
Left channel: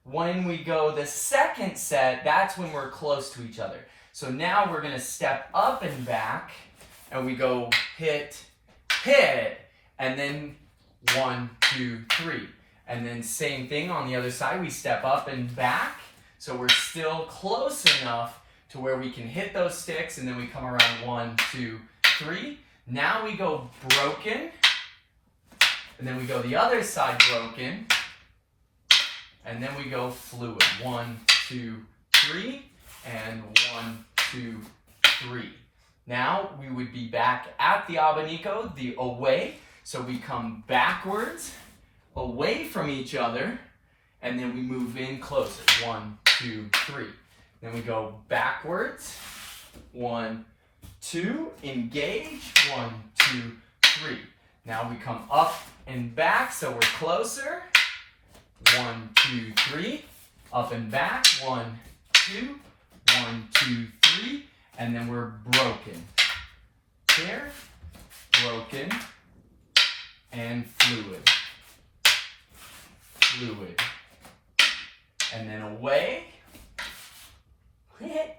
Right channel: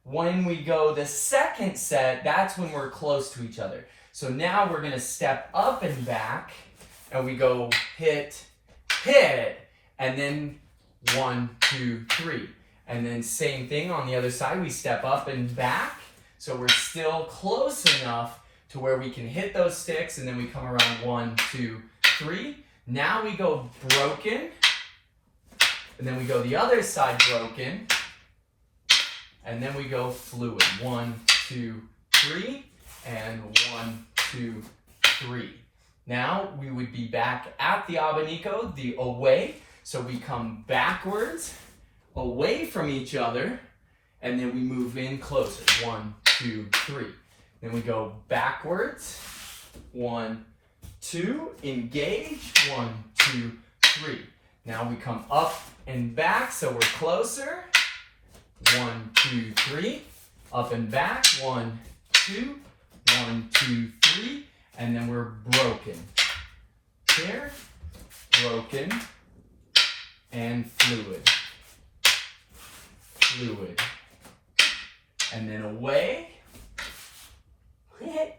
when we go the second set, that's when we're close to each other. So now we're going to step up and back, and we go hit, hit, and then 1, 2, 3. And then same thing on the other side, we step up and back. So we're still close enough to where we can hit those sticks, and then we come around 1, 2, 3. Now we go broken, and then we go the other side broken, and then we go fluid. 1, 2, 3, and 1, 2, 3. Now we would be back at the abanico, the away. So we come backwards, away from each other, and then we move in closer. 1, 2, 3. Then we go backwards. 1, 2, engage. 1, 2, 3. Now we come up and back, so we're closer. 1, 2, 3. Up and back. 1, 2. 1, 2, 3. And then we're broken. Here, broken, and fluid. Fluid. And then away.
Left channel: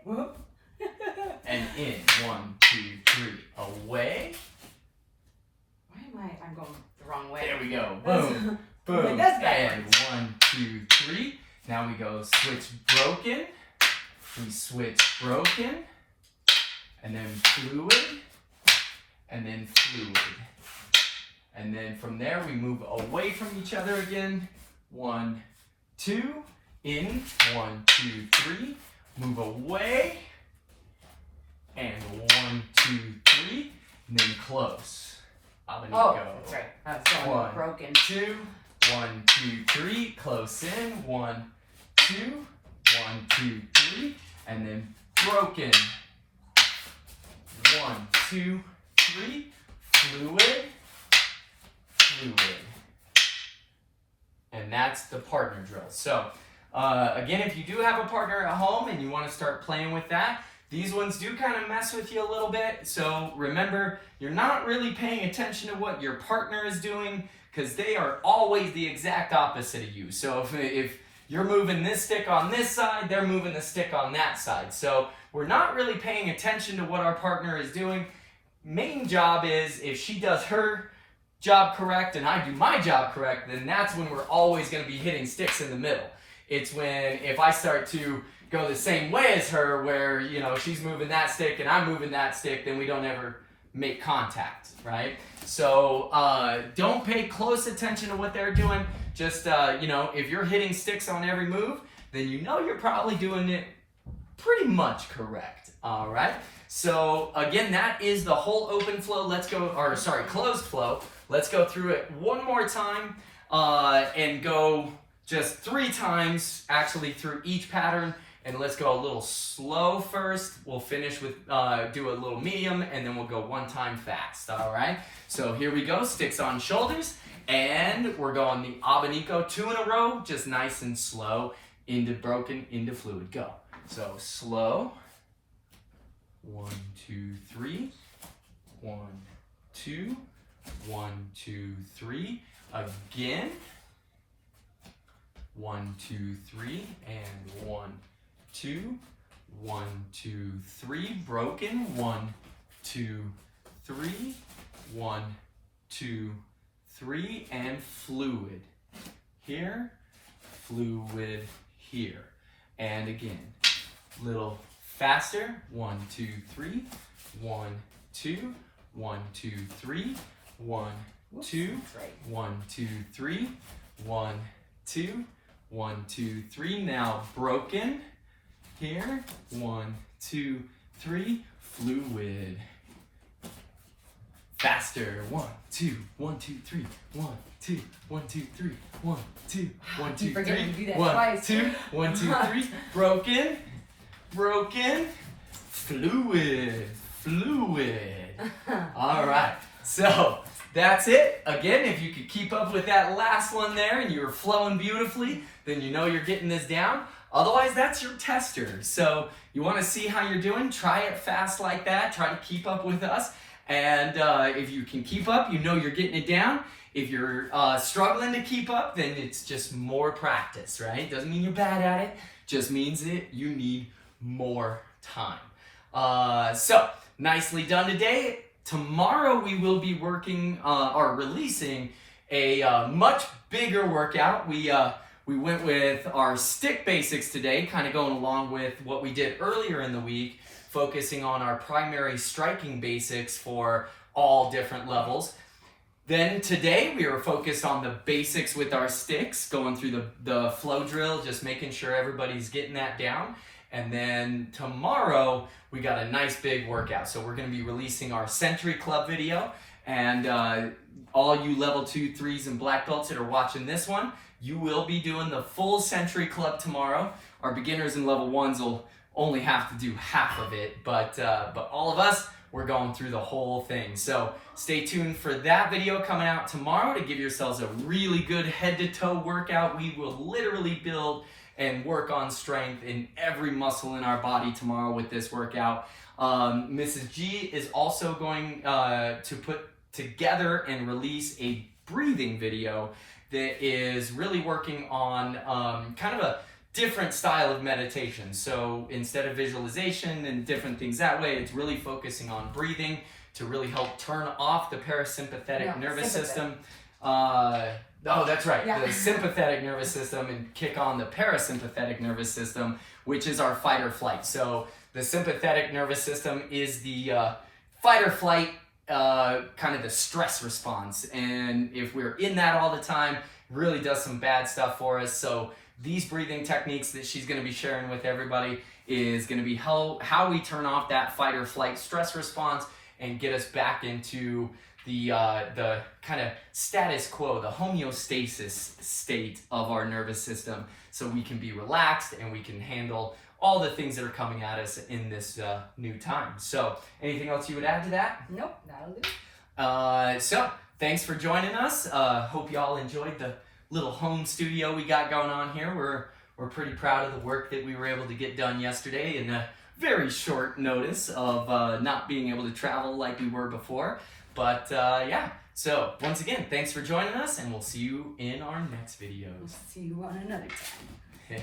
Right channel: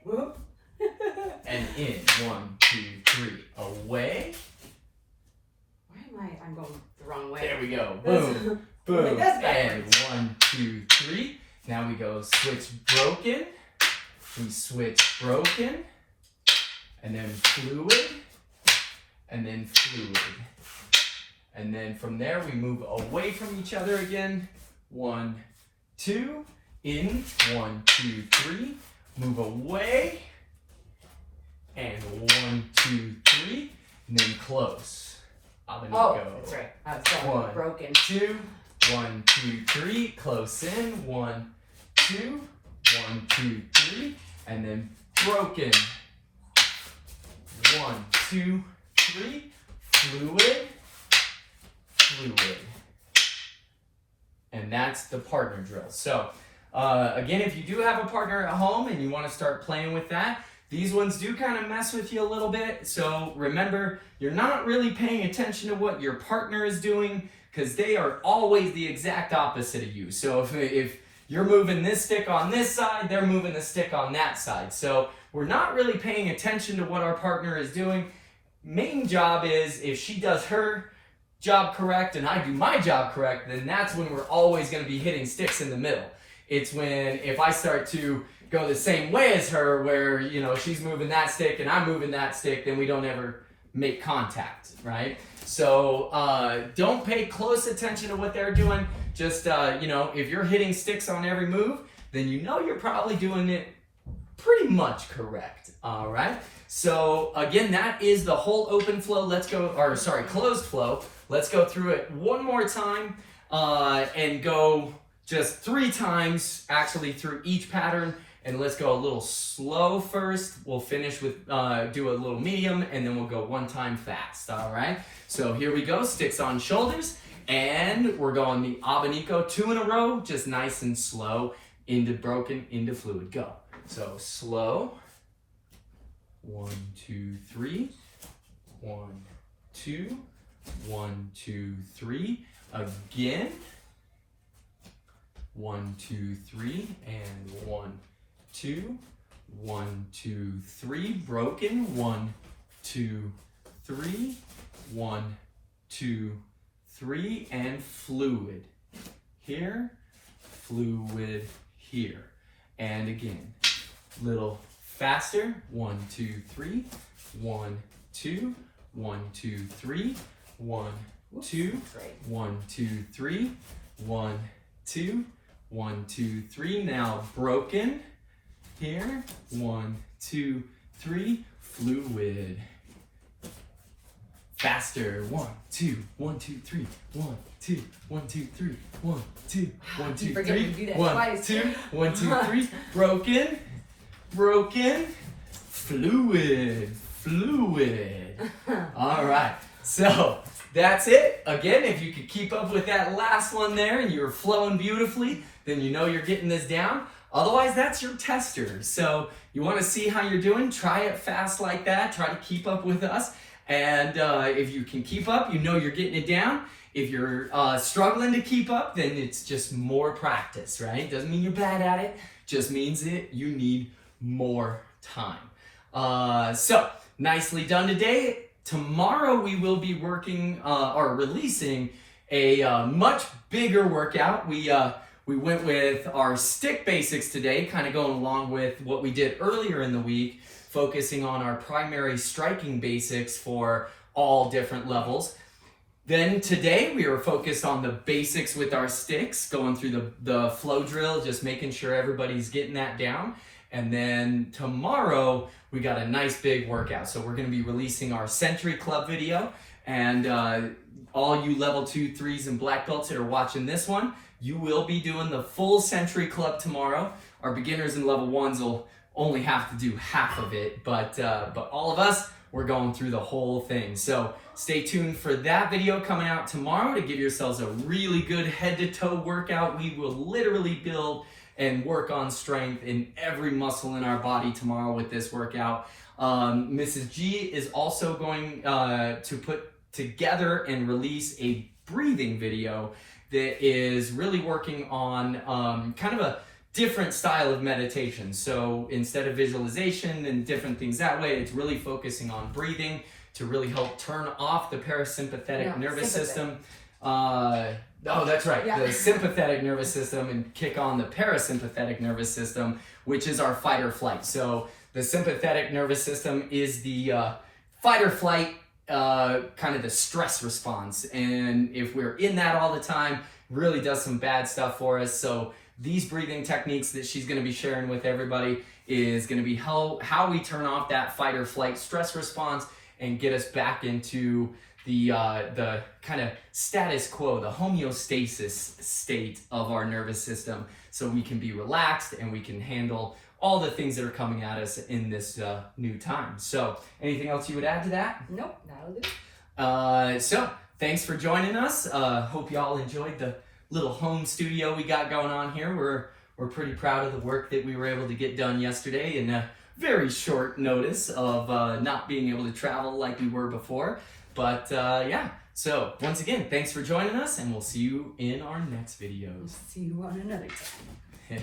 Whoop. And in. 1, 2, 3. Away. Why am I'm going the wrong way? There we go. Boom. Boom. That's And backwards. 1, 2, 3. Now we go switch broken. We switch broken. And then fluid. And then fluid. And then from there we move away from each other again. 1, 2. In. 1, 2, 3. Move away. And 1, 2, 3. And then close. Abanico. Oh, that's right. I was going 1, broken. 2. 1, 2, 3. Close in. 1, 2. 1, 2, 3. And then broken. 1, 2, 3. Fluid. Fluid. And that's the partner drill. So, again, if you do have a partner at home and you want to start playing with that, these ones do kind of mess with you a little bit. So remember, you're not really paying attention to what your partner is doing because they are always the exact opposite of you. So if you're moving this stick on this side, they're moving the stick on that side. So we're not really paying attention to what our partner is doing. Main job is if she does her job correct and I do my job correct, then that's when we're always going to be hitting sticks in the middle. It's when if I start to go the same way as her where, you know, she's moving that stick and I'm moving that stick, then we don't ever make contact, right? So don't pay close attention to what they're doing. Just, you know, if you're hitting sticks on every move, then you know you're probably doing it pretty much correct, all right? So again, that is the whole open flow. Let's go, or sorry, closed flow. Let's go through it one more time and go just 3 times actually through each pattern. And let's go a little slow first. We'll finish with, do a little medium, and then we'll go 1 time fast, all right? So here we go, sticks on shoulders, and we're going the Abanico 2 in a row, just nice and slow, into broken, into fluid, go. So slow, 1, 2, 3, 1, 2, 1, 2, 3, again, 1, 2, 3, and 1, 2, 1, 2, 3, broken, 1, 2, 3, 1, 2, 3, and fluid. Here, fluid here. And again, little faster, 1, 2, 3, 1, 2, 1, 2, 3, 1, 2, 1, 2, 3, 1, 2, 1, 2, 3. Now broken. Here, 1, 2, 3, fluid. Faster, 1, 2, 1, 2, 3, 1, 2, 1, 2, 3, 1, 2, 1, 2, 3, 1, 2, 1, 2, 3, broken, broken, fluid, fluid. All right, so that's it. Again, if you could keep up with that last one there and you're flowing beautifully, then you know you're getting this down. Otherwise, that's your tester. So you want to see how you're doing, try it fast like that, try to keep up with us. And if you can keep up, you know you're getting it down. If you're struggling to keep up, then it's just more practice, right? Doesn't mean you're bad at it, just means that you need more time. So nicely done today. Tomorrow we will be working or releasing a much bigger workout. We went with our stick basics today, kind of going along with what we did earlier in the week, focusing on our primary striking basics for all different levels. Then today we were focused on the basics with our sticks, going through the flow drill, just making sure everybody's getting that down. And then tomorrow we got a nice big workout. So we're going to be releasing our Century Club video. And all you level 2, 3s, and black belts that are watching this one, you will be doing the full Century Club tomorrow. Our beginners and level 1s will only have to do half of it, but all of us, we're going through the whole thing. So stay tuned for that video coming out tomorrow to give yourselves a really good head-to-toe workout. We will literally build and work on strength in every muscle in our body tomorrow with this workout. Mrs. G is also going to put together and release a breathing video that is really working on kind of a different style of meditation. So instead of visualization and different things that way, it's really focusing on breathing to really help turn off the parasympathetic nervous system. Oh, that's right. Yeah. The sympathetic nervous system and kick on the parasympathetic nervous system, which is our fight or flight. So the sympathetic nervous system is the fight or flight, kind of the stress response. And if we're in that all the time, really does some bad stuff for us. So these breathing techniques that she's going to be sharing with everybody is going to be how we turn off that fight or flight stress response and get us back into the kind of status quo, the homeostasis state of our nervous system, so we can be relaxed and we can handle all the things that are coming at us in this new time. So anything else you would add to that? Nope, that'll do. So thanks for joining us. Hope y'all enjoyed the little home studio we got going on here. We're pretty proud of the work that we were able to get done yesterday in a very short notice of not being able to travel like we were before. But yeah, so once again, thanks for joining us, and we'll see you in our next video. We'll see you on another time.